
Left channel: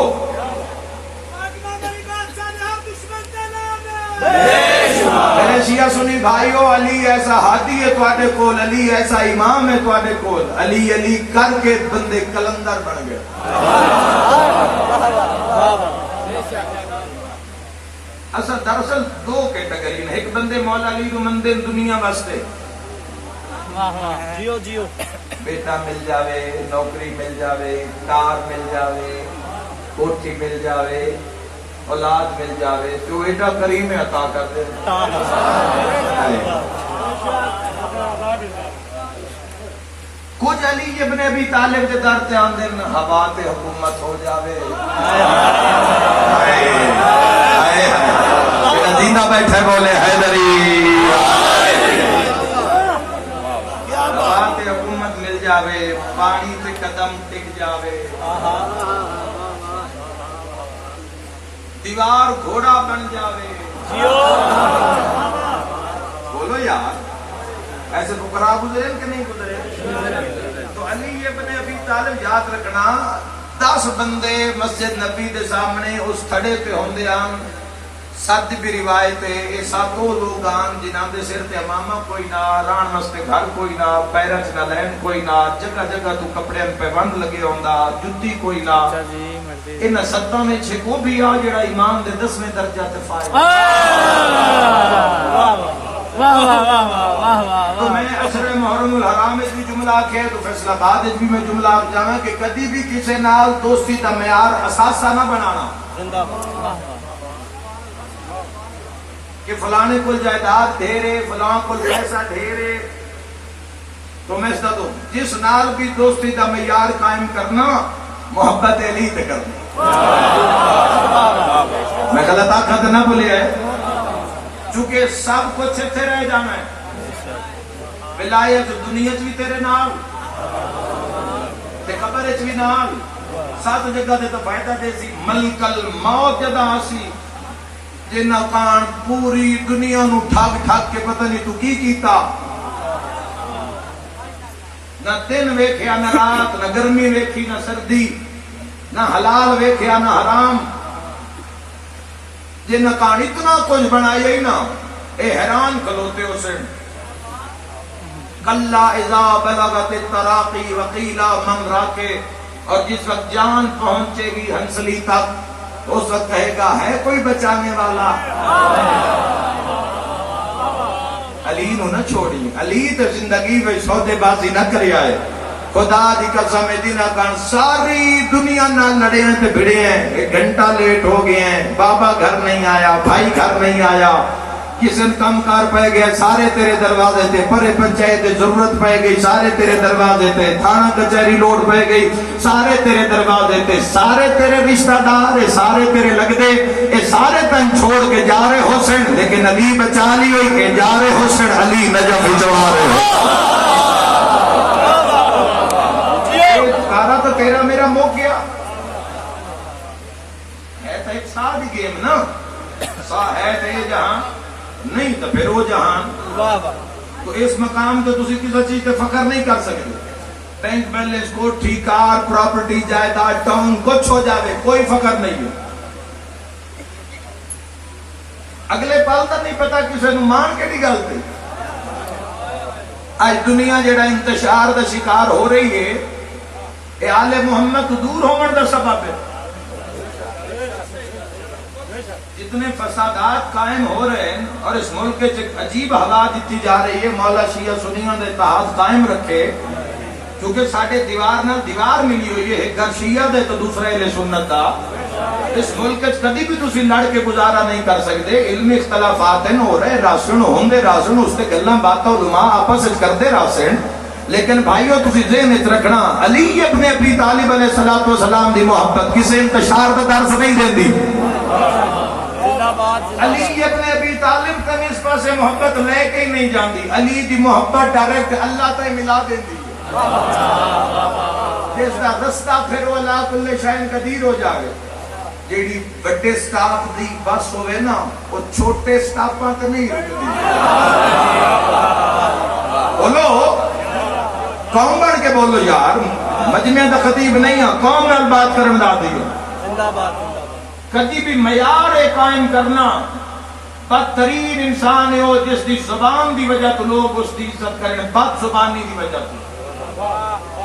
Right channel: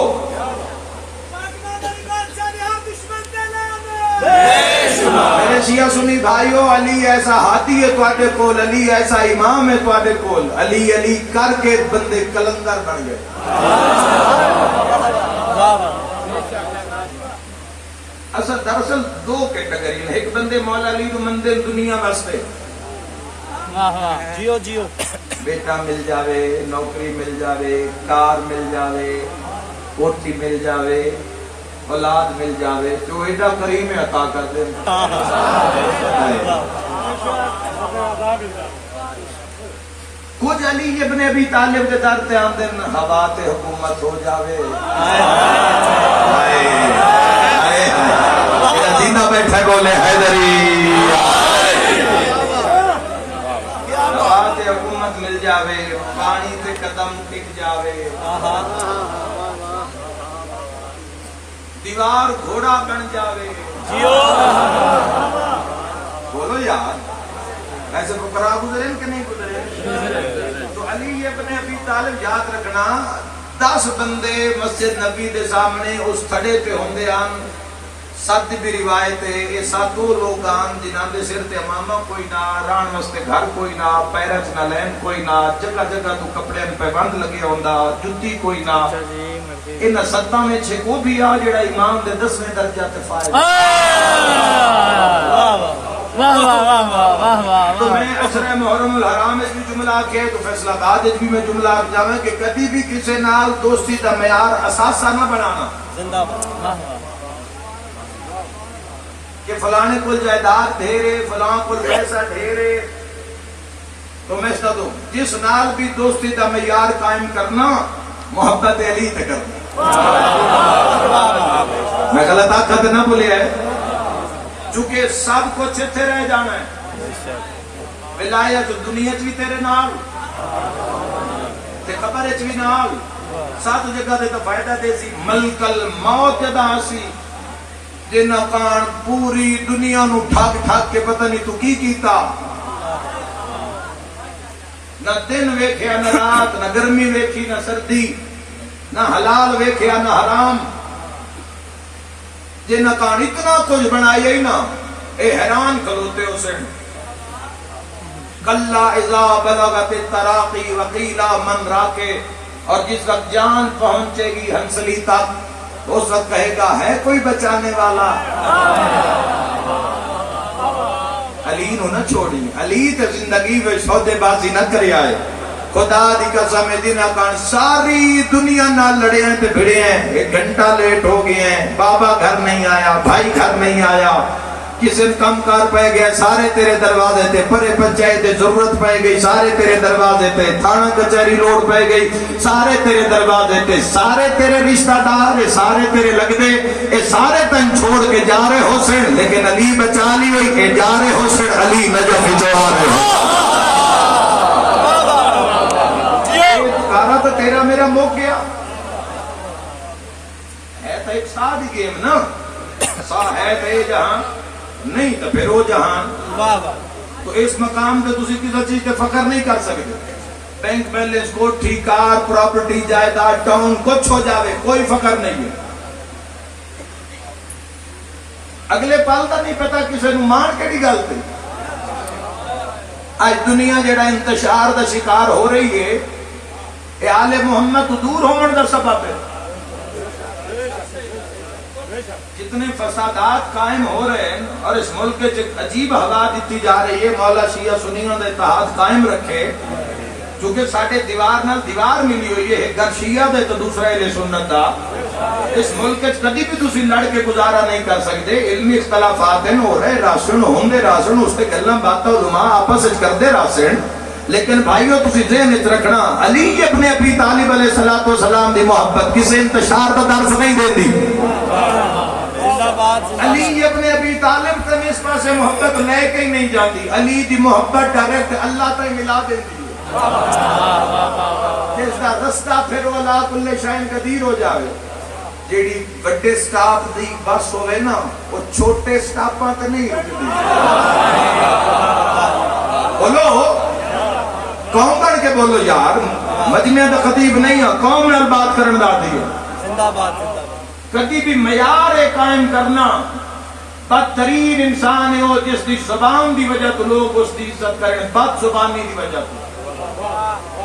میرے شیعہ سنی بھائیو، علی ایسا ہادی ہے تواڈے کول، علی ایسا امام ہے تواڈے کول، علی علی کر کے بندے کلندر بن گئے۔ دراصل دو کیٹیگری ہیں، ایک بندے مولا علی کو مندر دنیا واسطے جیو جیو بیٹا مل جاوے، نوکری مل جاوے، کار مل جاوے، کوٹھی مل جاوے، اولاد مل جاوے تو ایڈا کریم عطا کر دے. کچھ علی ابن ابی طالب کے در تے آندے ہوا تے حکومت ہو جاوے. زندہ بیٹھے بولے حیدری. ہوا تے حکومت مل جاوے، پانی تے قدم ٹک جاوے، دیوار گھوڑا بن جاوے. بولو یار ایسے فقراء گزرے کہ نہیں گزرے؟ تو علی ابن ابی طالب یاد رکھنا 10 بندے مسجد نبی دے سامنے اس کھڑے پہ ہوندے آن. سد بھی روایت ہے یہ ساتوں لوگ آن جنہاں دے سر تے امامہ کوئی نہ، ران واسطے گھر کوئی نہ، پیرا چ نہ لین کوئی نہ، جگہ جگہ تو کپڑے پہ بند لگے ہوندا، جُتی کوئی نہ. ان سداں وچ وہ بھی آ جڑا امام دے 10ویں درجہ تے فائز. تو میں عشرہ محرم الحرام اس بھی جملہ آکھے تو فیصلہ آباد اس بھی میں جملہ آکھ جاواں کہ کدی بھی کسی نال دوستی دا معیار اثاثہ نہ بنانا زندہ کہ فلانے کو جائیداد ڈھیرے، فلاں کو پیسہ ڈھیرے. تو میں اس کا دوں جس نال بھی دوستی دا معیار قائم کرنا محبت علی تے کرنا. میں غلط آخر نہ بولے ہے چونکہ سب کچھ اتنے رہ جانا ہے. ولایت دنیا بھی تیرے نال تے قبر وچ بھی نال، 7 جگہ تے فائدہ دے سی. ملک الموت جدا سی جنہ کان پوری دنیا نو ٹھگ ٹھگ کے پتہ نہیں تو کی کیتا. نہ دن ویکھیا نہ رات، نہ گرمی ویکھی نہ سردی، نہ حلال ویکھیا نہ حرام. جنہ کان اتنا کچھ بنایا ہی نہ اے حیران کھلوتے ہو سن. کلا اذا بلغت التراقی وقیلا من راکے. اور جس وقت جان پہنچے گی ہنسلی تک تو اس وقت کہے گا ہے کوئی بچانے والا. علی نو نہ چھوڑی. علی تے زندگی میں سودے بازی نہ کرے آئے. خدا دی قسم دینا کان ساری دنیا نہ لڑے ہیں تے بھڑے ہیں. 1 گھنٹہ لیٹ ہو گئے ہیں، بابا گھر نہیں آیا، بھائی گھر نہیں آیا، قسم کم کار پہ گئے سارے تیرے دروازے تے، پرے پنچایت ضرورت پہ گئی سارے تیرے دروازے تے، تھانہ کچہری لوٹ پہ گئی سارے تیرے دروازے تے، سارے تیرے رشتہ دار سارے تیرے لگ دے اے سارے تن چھوڑ کے جا رہے حسین. لیکن علی بچا لی ہوئی کہ جا رہے حسین علی نجف جوڑا رہے. کارا تو تیرا میرا موقع گیا ہے تو ایک سادی گیم نا. سا ہے تے جہاں نہیں تو پھر وہ جہان. تو اس مقام تے تسی کسی چیز تے فخر نہیں کر سکتے. بینک بیلنس کوٹھی کار پراپرٹی جائیداد ٹاؤن کچھ ہو جاوے کوئی فخر نہیں ہے. اگلے پل تو نہیں پتا کسی نے مان کیڑی گل تے. آج دنیا جڑا انتشار دا شکار ہو رہی ہے اے آل محمد تو دور ہون دا سبب ہے. جتنے فسادات قائم ہو رہے ہیں اور اس ملک کے عجیب حالات دیتی جا رہی ہے. مولا شیعہ سنیوں نے اتحاد قائم رکھے کیونکہ ساڈے دیوار نال دیوار ملی ہوئی ہے. ایک گھر شیعہ دے تو دوسرا اہل سنت دا. اس ملک کے کبھی بھی تسی لڑ کے گزارا نہیں کر سکتے. علمی اختلافات ہیں ہو رہے راسن ہوندے راسن اس تے گلاں باتاں علماء آپس وچ کردے راسن. لیکن بھائیو تسی ذہن وچ رکھنا علی ابن ابی طالب علیہ الصلوۃ والسلام دی محبت کسی انتشار دا درس نہیں دیندی. علی ابن ابی طالب کبھی اس پاسے محبت لے کے ہی نہیں جاندی. علی دی محبت ڈائریکٹ اللہ تے ملا دیندی ہے. جس دا رستہ پھر والا کل شاین قدیر ہو جاوے. جیڑی بڑے سٹاف دی بس ہوئے نا وہ چھوٹے سٹاپاں تے نہیں رکدی. بولو قوم بڑھ کے بولو یار. مجمع دا خطیب نہیں ہے قوم نال بات کرن دا دی ہو. زندہ باد کبھی بھی معیار قائم کرنا. بدترین انسان ہے وہ جس دی زبان دی وجہ تو لوگ اس دی عزت کریں. بد زبانی دی وجہ تو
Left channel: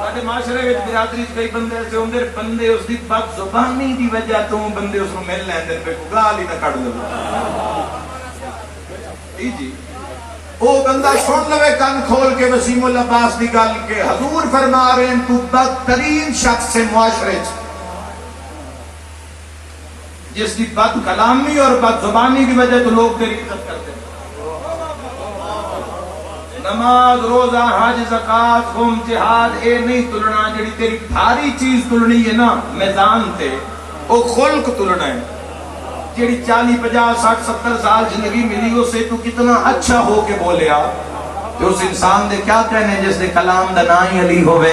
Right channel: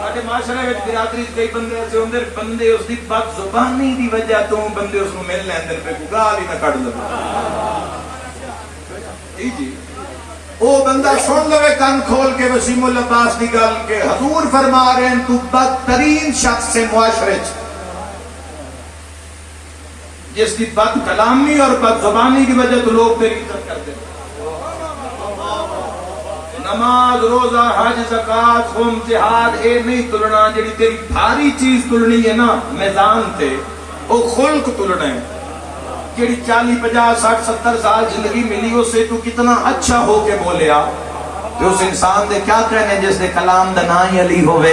ساڈے معاشرے وچ برادری کئی بندے ایسے ہوندے بندے اس دی بد زبانی دی وجہ تو بندے اس کو مل لیندے پہ گال ہی نہ کڈ لو. جی او بندہ سن لوے کن کھول کے وسیم العباس دی گل کے حضور فرما رہے ہیں تو بدترین شخص سے معاشرے چ جس کی بد کلامی اور بد زبانی کی وجہ تو لوگ تیری عزت کرتے ہیں. نماز روزہ حج زکات خون جہاد اے نہیں تلنا، جڑی تیری بھاری چیز تلنی ہے نا میدان تے او خلق تلنا ہے. جڑی 40 50 60 70 سال زندگی ملی اسے تو کتنا اچھا ہو کے بولیا کہ اس انسان دے کیا کہنے جس دے کلام دا نا ہی علی ہوئے.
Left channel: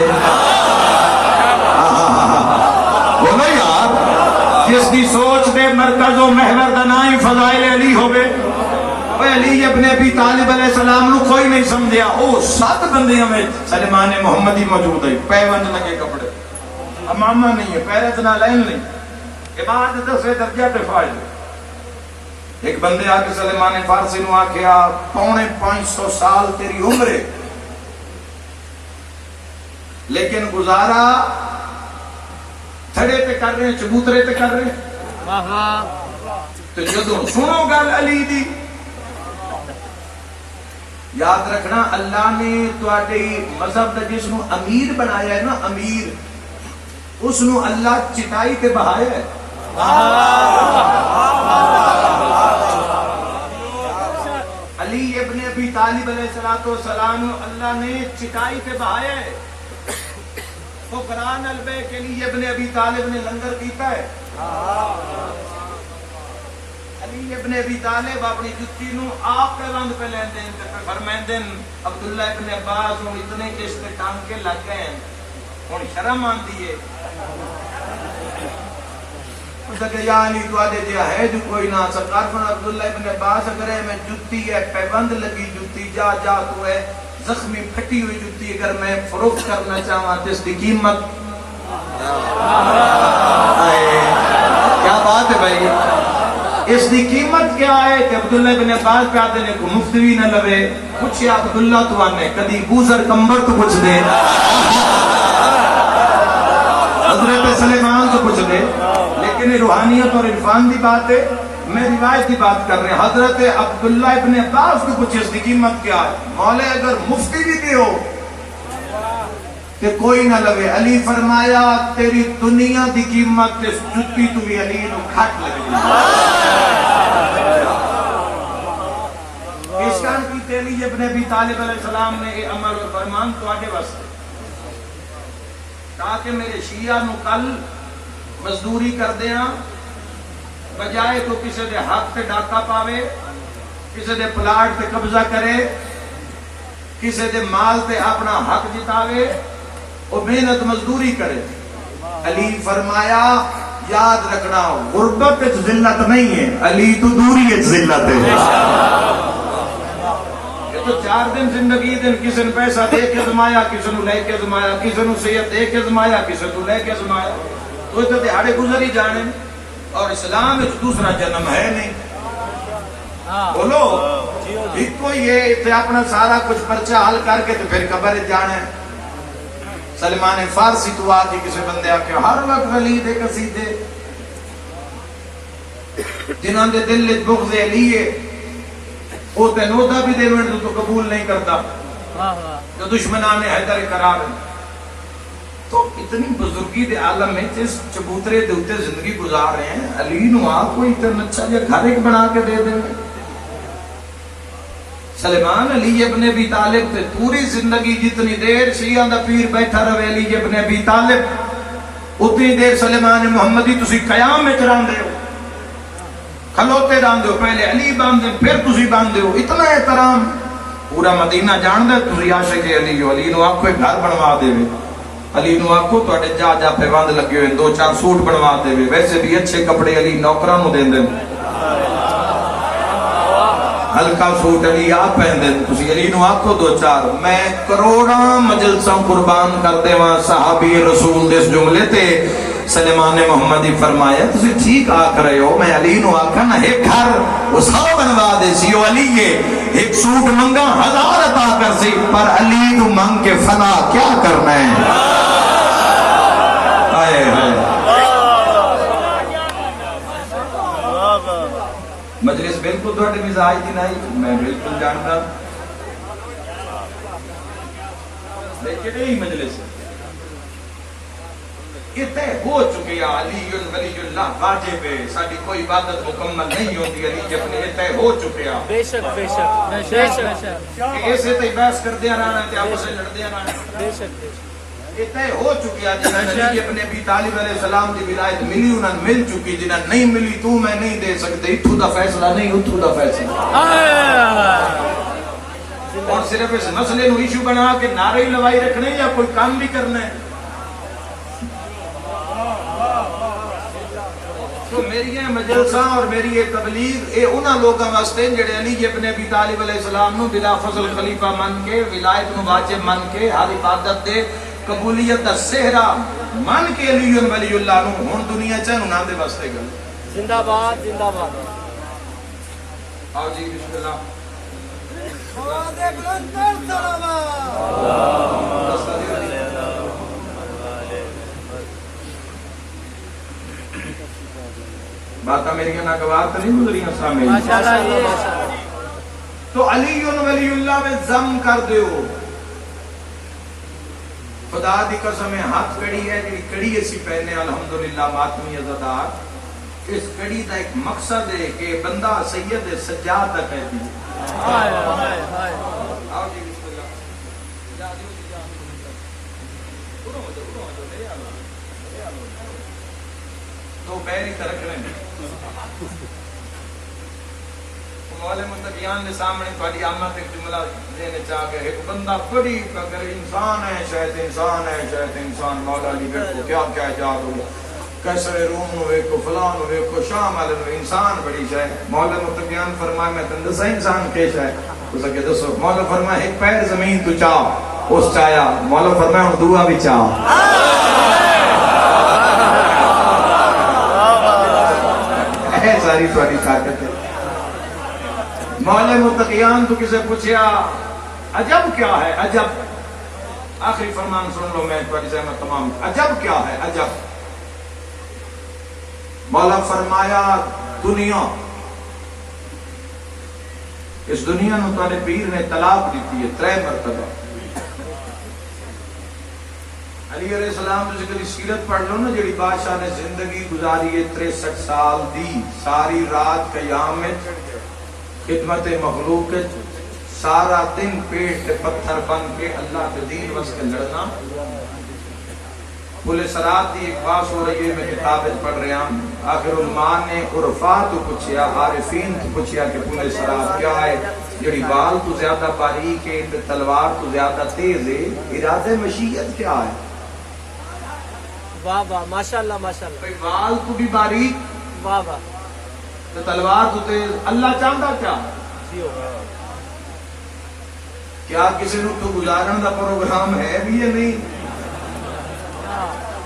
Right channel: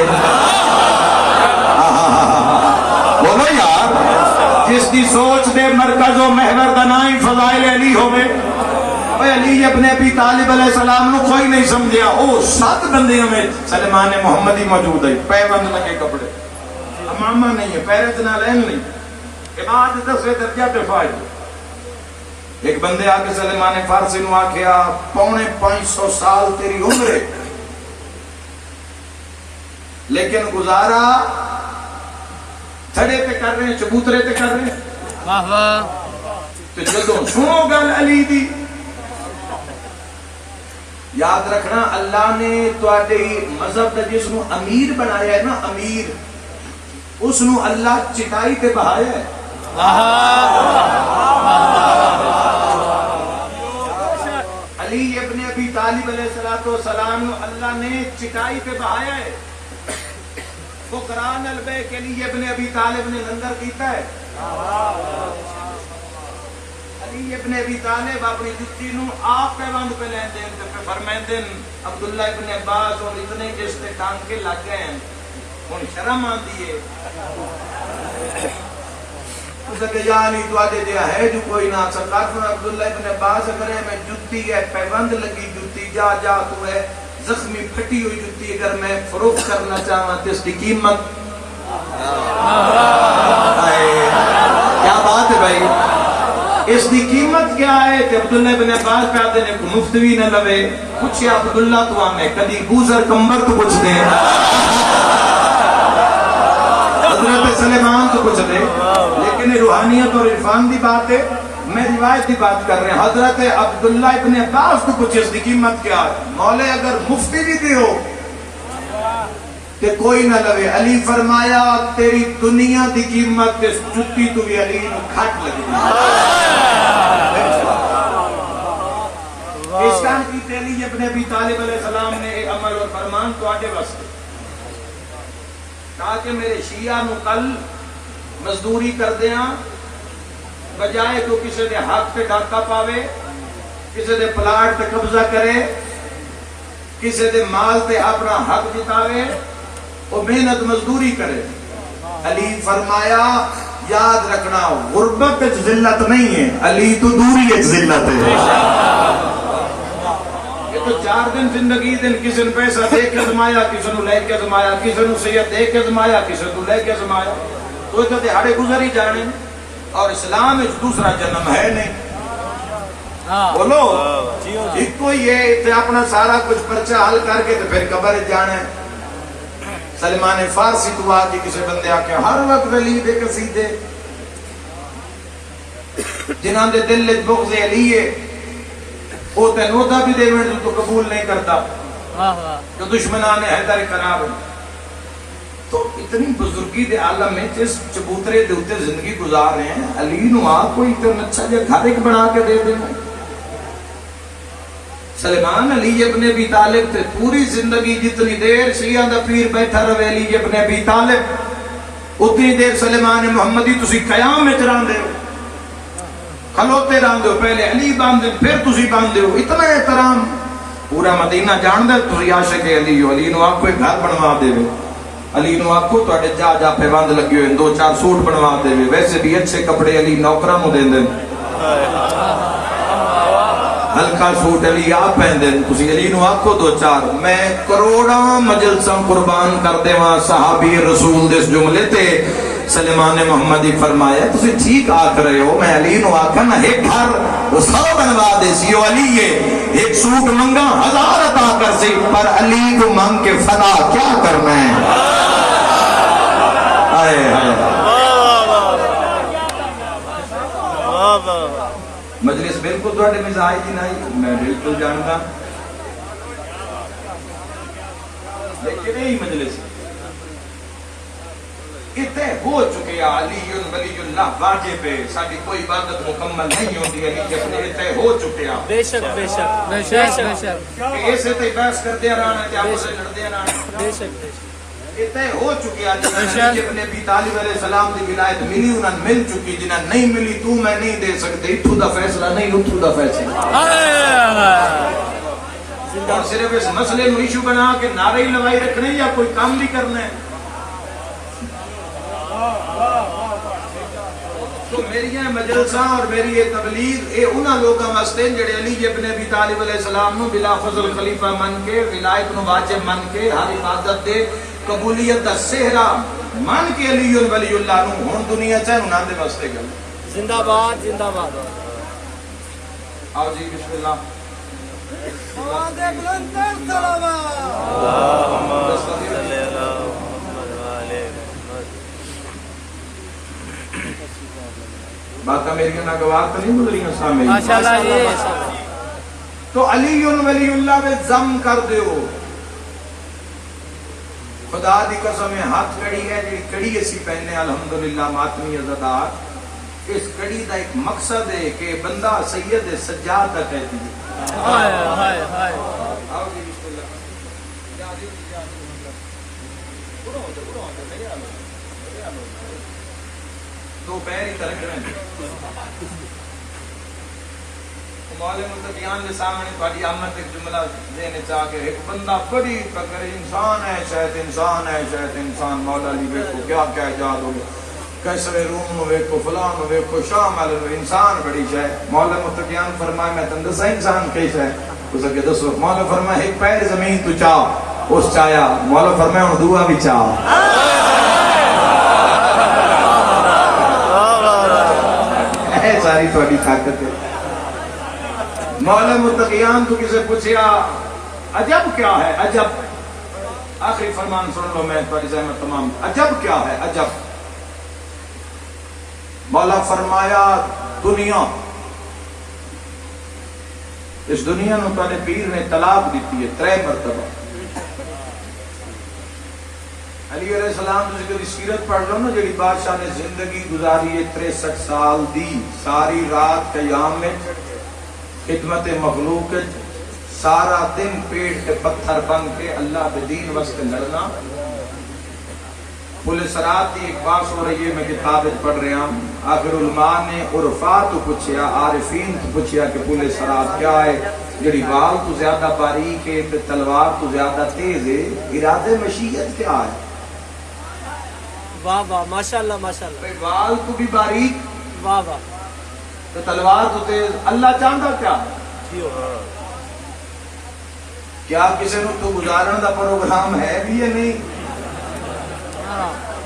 بولو یار، جس دی سوچ دے مرکز و محور دا نا ہی فضائل علی ہوئے. علی ابن ابی طالب علیہ السلام نو کوئی نہیں سمجھیا، او 7 بندے ہمیں سلمان محمدی موجود ہے، پیوند لگے کپڑے، امامہ نہیں ہے، پیرت نہ لین نہیں، عباد 10ویں درجہ پہ فائد. ایک بندے آکے سلمان فارسی نو آکھیا 450 سال تیری عمر ہے لیکن گزارا تھڑے پہ کر رہے ہیں، چبوترے پہ کر رہے ہیں. تو جدوں سنو گل علی دی، یاد رکھنا اللہ نے تواڈے مذہب دا جس نو امیر بنایا ہے نا، امیر، اس نو اللہ چٹائی تے بہایا ہے. علی ابن ابی طالب علیہ السلام اللہ نے چٹائی پہ بہایا ہے. فقراء البے کے لیے ابن ابی طالب نے لنگر کیتا ہے. علی ابن ابی طالب اپنی جتی نو آپ پیوند پہ لین دین پہ فرمائندن عبداللہ ابن عباس اور اتنے جس تے ٹانکے لگ گئے ہیں ہن شرم آندی ہے. کہ یعنی تو آدھے دیا ہے جو کوئی نہ سرکار پر عبداللہ ابن عباس اگر ہے میں جتی ہے پیوند لگی جتی جا جا تو ہے زخمی پھٹی ہوئی جتی اگر میں فروخت کرنا چاہاں تو اس کی قیمت کیا بات ہے بھائی، اس کی قیمت کیا ہے کہ عبداللہ ابن عباس پہ آدھے نے کو مفتوی نہ لوے کچھ یا عبداللہ تو آنے کدی گوزر کمبر تو کچھ دے، حضرت سلیمان تو کچھ دے. لیکن روحانیت اور عرفان دی بات ہے، میں روایت کی بات کر رہے ہیں. حضرت عبداللہ ابن عباس کو کچھ اس کی قیمت کیا ہے، مولے اگر مفتی بھی دیو کہ کوئی نہ لوے. علی فرمایا تیری دنیا دی قیمت کے جتی تو بھی علی گھٹ لگی. پیشکان کی تیلی ابن ابی طالب علیہ السلام نے ایک عمل و فرمان تو آگے واسطے تاکہ میرے شیعہ نو کل مزدوری کر دیاں بجائے تو کسی دے حق پہ ڈاکہ پاوے، کسی دے پلاٹ پہ قبضہ کرے، کسی دے مال پہ اپنا حق جتاوے، وہ محنت مزدوری کرے. علی فرمایا یاد رکھنا غربت ذلت نہیں ہے، علی تو دوری ذلت ہے. یہ تو 4 دن زندگی دن کسی نے پیسہ دے کے زمایا، کسی نے لے کے زمایا، کسی نے صحت دے کے زمایا، کسی نے لے کے زمایا، تو کہتے ہاڑے گزر ہی جانے. اور اسلام ایک دوسرا جنم ہے نہیں. بولو ایک کو یہ اپنا سارا کچھ پرچہ حل کر کے تو پھر قبر جانا ہے. سلمان فارسی تو آتی کسی بندے آکے ہر وقت ولی دے قصیدے جنہاں دے دل بغض علی ہے وہ تے نوتا بھی دے میں تو قبول نہیں کرتا جو دشمنان حیدر قرار ہوں. تو اتنی بزرگی دے عالم میں جس چبوترے دے ہوتے زندگی گزار رہے ہیں، علی نو آپ کوئی اتنا اچھا جا گھر ایک بنا کے دے دیں. سلمان علی ابن ابی طالب تے پوری زندگی جتنی دیر شیعہ دا پیر بیٹھا رہے علی ابن ابی طالب اتنی دیر سلمان محمدی تسی قیام میں چران دے ہو، کھلوتے دان دے ہو، پہلے علی باندھ دے پھر تسی باندھ دے ہو. اتنا احترام پورا مدینہ جان دے. تسی عاشق علی ہو، علی نو آپ کوئی گھر بنوا دے وے، علی نو آپ کو تواڈے جا جا پہ بند لگے ہوئے 2-4 سوٹ بنوا دے وے. ویسے بھی اچھے کپڑے علی نوکراں نو دین دے، ہلکا سوٹ علی آپ پہندے. تسی علی نو آکھو 2-4 میں کروڑاں مجلساں قربان کر دیواں صحابی رسول دے اس جملے تے. سلیمان محمدی فرمایا تسی ٹھیک آکھ رہے ہو، میں علی نو آکھا نا ایک گھر وہ 100 بنوا دے سی. او علی یہ ایک سوٹ منگا 1000 عطا کر سی، پر علی کو مانگ کے فنا کیا کرنا ہے. مجلس بالکل تھوڑے مزاج دی نہیں، میں بالکل جانتا لیکن یہی مجلس اتنے ہو چکے علی ولی اللہ واجب ہے، ساری کوئی عبادت مکمل نہیں ہوتی، علی اپنے اتنے ہو چکے ہیں، بے شک بے شک بے شک بے شک ایسے تو بحث کردے رہنا ہے، آپس میں لڑدے رہنا، بے شک بے شک اتنے ہو چکے ہیں جنہاں علی اپنے ابی طالب علیہ السلام دی ولایت ملی انہاں مل چکی، جنہاں نہیں ملی تو میں نہیں دے سکتے، اتھو دا فیصلہ نہیں اتھو دا فیصلہ، اور صرف اس مسئلے نو ایشو بنا کے نعرے لگائی رکھنے یا کوئی کام بھی کرنا ہے۔ تو میری یہ مجلساں اور میری یہ تبلیغ اے انہاں لوگاں واسطے جڑے علی ابن ابی طالب علیہ السلام نو بلا فضل خلیفہ من کے، ولایت نو واجب من کے، ہر عبادت دے قبولیت دا صحرا من کے علی ولی اللہ نو ہن دنیا چ انہاں دے واسطے گل۔ زندہ باد زندہ باد۔ آؤ جی بسم اللہ۔ باتیں میری ناگوار تو نہیں گزری ہیں سامنے؟ ماشاءاللہ جی۔ تو علی ولی اللہ میں ضم کر دیو، خدا دی قسم ہاتھ کڑی ہے جڑی کڑی اسی پہنے الحمدللہ ماتمی عزتدار، اس کڑی دا ایک مقصد ہے کہ بندہ سید سجاد تک کہتی ہے۔ ہائے ہائے ہائے۔ آؤ جی بسم اللہ۔ جا دیو جی جا دیو۔ اڑو میرے آلو میرے آلو تو پیر ہی ترک رہے ہیں۔ مولا متقیان کے سامنے بڑی آمد ایک جملہ دینے چاہ کے ایک بندہ بڑی فکر انسان ہے شاید انسان ہے شاید انسان، مولا علی ویکو کیا کیا ایجاد ہو گیا، کیسرے روم نو ویکو فلان نو ویکو شام والے نو، انسان بڑی شاید۔ مولا متقیان فرمائے میں تن دسا انسان کے شاید تو سکے دسو۔ مولا فرمائے ایک پیر زمین تو چاہ، اس چاہیا، مولا فرمائے ہوں دعا بھی چاہ۔ اے ساری تھوڑی طاقت ہے۔ مولا متقیان تو کسے پوچھیا عجب کیا ہے، عجب آخری فرمان سن لو، میں تھوڑی زحمت تمام، عجب کیا ہے عجب؟ مولا فرمایا دنیا، اس دنیا نو تو نے پیر نے طلاق دیتی ہے 3 مرتبہ۔ علی علیہ السلام جس کی سیرت پڑھ لو نا، جڑی بادشاہ نے زندگی گزاری ہے 63 سال دی، ساری رات قیام میں خدمت مخلوق، سارا دن پیٹ کے پتھر بن کے اللہ کے دین واسطے لڑنا۔ پولیس رات کی ایک بات ہو رہی ہے، میں کتاب پڑھ رہا ہوں، آخر علماء نے عرفا تو پوچھیا، عارفین تو پوچھیا کہ پولیس رات کیا ہے، جڑی بال تو زیادہ باریک ہے، تلوار تو زیادہ تیز ہے، ارادے مشیت کیا ہے؟ واہ واہ ماشاءاللہ ماشاءاللہ۔ بال تو بھی باریک، واہ واہ۔ تلوار تو تیز، اللہ چاہتا کیا؟ کیا کسی نے تو گزارن دا پروگرام ہے بھی یا نہیں؟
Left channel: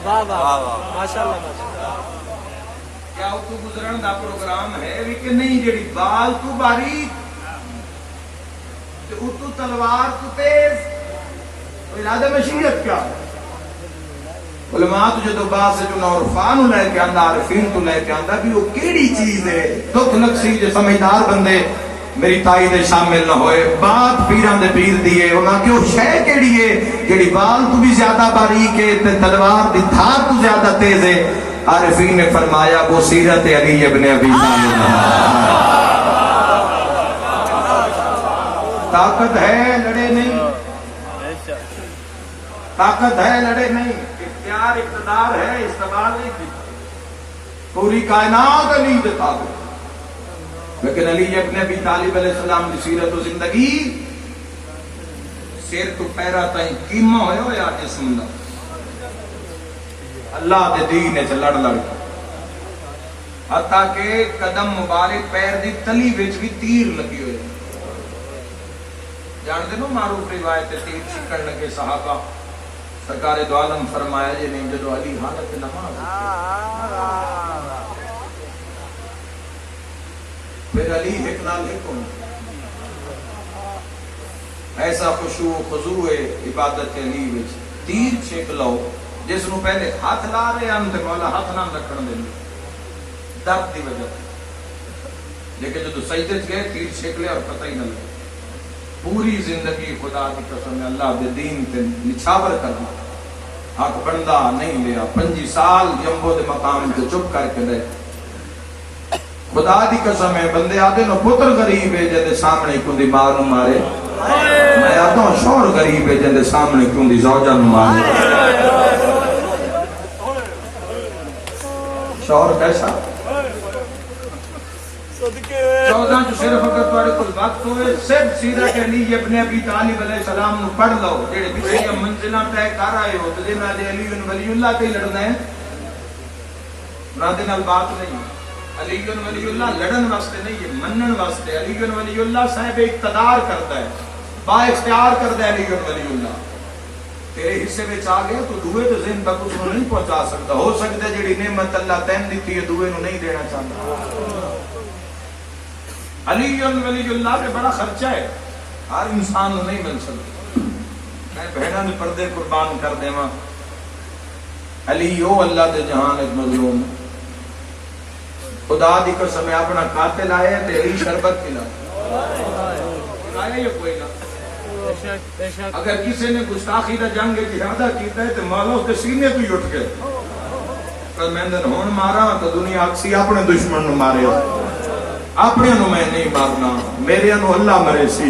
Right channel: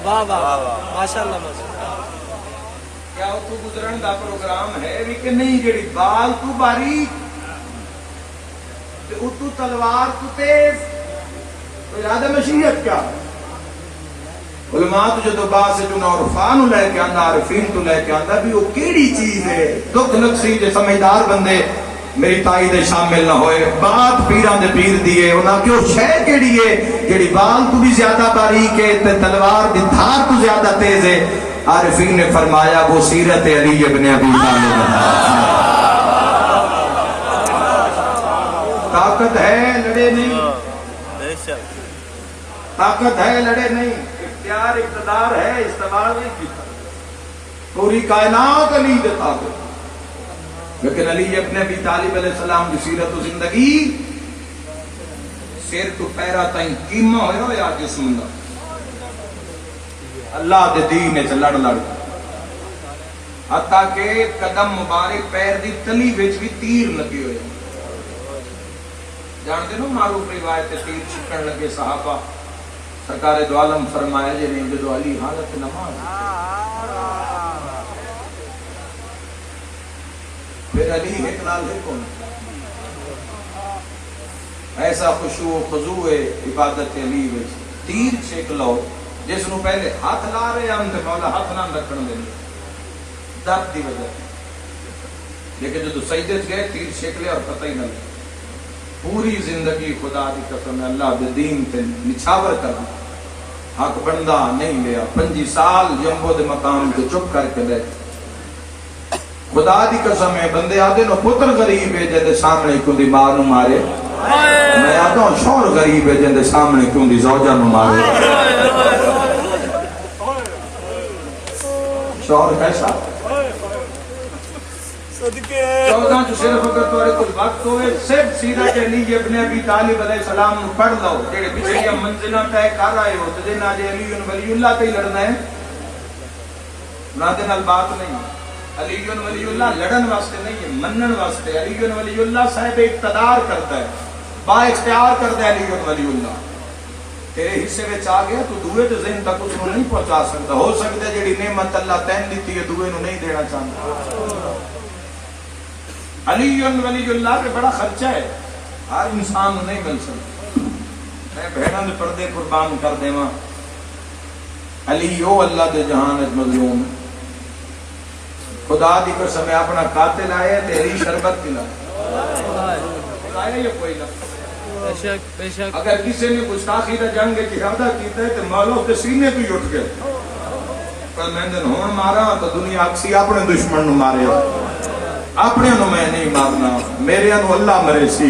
واہ واہ ماشاءاللہ ماشاءاللہ۔ کیا تو گزرن دا پروگرام ہے بھی کہ نہیں؟ جڑی بال تو باریک تے اتو تلوار تو تیز، ارادہ مشیت کیا؟ علماء تو جدو باس جو عرفان لے کے آندا، عارفین تو لے کے آندا بھی وہ کیڑی چیز ہے، دکھ نقصی جو سمجھدار بندے میری تائید شامل نہ ہوئے، بات پیران دے پیر دیئے، انہاں کیوں شے کیڑی ہے جڑی بال تو بھی زیادہ باریک ہے تے تلوار دی دھار تو زیادہ تیز ہے؟ عارفین نے فرمایا وہ سیرت علی ابن ابی طالب۔ طاقت ہے لڑے نہیں، طاقت ہے لڑے نہیں، اختیار اقتدار ہے استعمال نہیں کی، پوری کائنات علی دیتا ہے۔ لیکن علی ابن ابی طالب علیہ السلام کی سیرت و زندگی سیر تو پیرا تائیں کیما ہویا یا جسم دا، اللہ دے دین سے لڑ لڑ، حتیٰ کہ قدم مبارک پیر دی تلی وچ بھی تیر لگی ہوئے۔ جانتے نو معروف روایت تیر چھکن لگے صحابہ، سرکار دو عالم فرمایا جی نہیں جو علی حالت نماز، پھر علی ایک نال ہے کون؟ ایسا خشوع و خضوع عبادت علی وچ تیر چھک لو جس نو پہلے ہاتھ لا رہے ہم تے مولا ہاتھ نہ رکھن دے درد دی وجہ، لیکن جو سجدے چ گئے تیر چھک لیا اور پتہ ہی نہ لگا۔ پوری زندگی خدا دی قسم اللہ دے دین کے نچھاور کرنا حق بندہ نہیں لیا 5 سال یمبو دے مقام تے چپ کر کے رہے خدا دی قسم ہے بندے آدھے نو پتر غریب ہے جے سامنے کیوں دی ماں نو مارے میں آتا ہوں شوہر غریب ہے جے سامنے کیوں دی زوجہ نو مارے شوہر کیسا 14 جو صرف اگر تمہارے کچھ وقت ہوئے صرف سیرت علی ابن ابی طالب علیہ السلام نو پڑھ لو جڑے پیچھے یہ منزلیں طے کر رہے ہو تے جے نہ علی ولی اللہ تے لڑنا ہے نہ دے نال بات نہیں علی ولی اللہ لڑن واسطے نہیں ہے منن واسطے علی ولی اللہ صاحب اقتدار کرتا ہے با اختیار کرتا ہے علی ولی اللہ تیرے حصے وچ آ گیا تو دوے دے ذہن تک اس کو نہیں پہنچا سکتا ہو سکتا ہے جڑی نعمت اللہ تین دیتی ہے دوے نو نہیں دینا چاہتا علی ولی اللہ کے بڑا خرچہ ہے ہر انسان نو نہیں مل سکتا میں بھیڑاں دے پردے قربان کر دیواں علی او اللہ دے جہان وچ مظلوم خدا دی قسم اپنا قاتل آئے تے علی شربت پلائے یا کوئی نہ اگر کسی نے گستاخی دا جنگ جہادہ کیتا ہے تے مولا اس کے سینے تو ہی اٹھ گئے پر میں نے ہون مارا تو دنیا اکسی اپنے دشمن نو مارے اپنے نو میں نہیں مارنا میرے نو اللہ مرے سی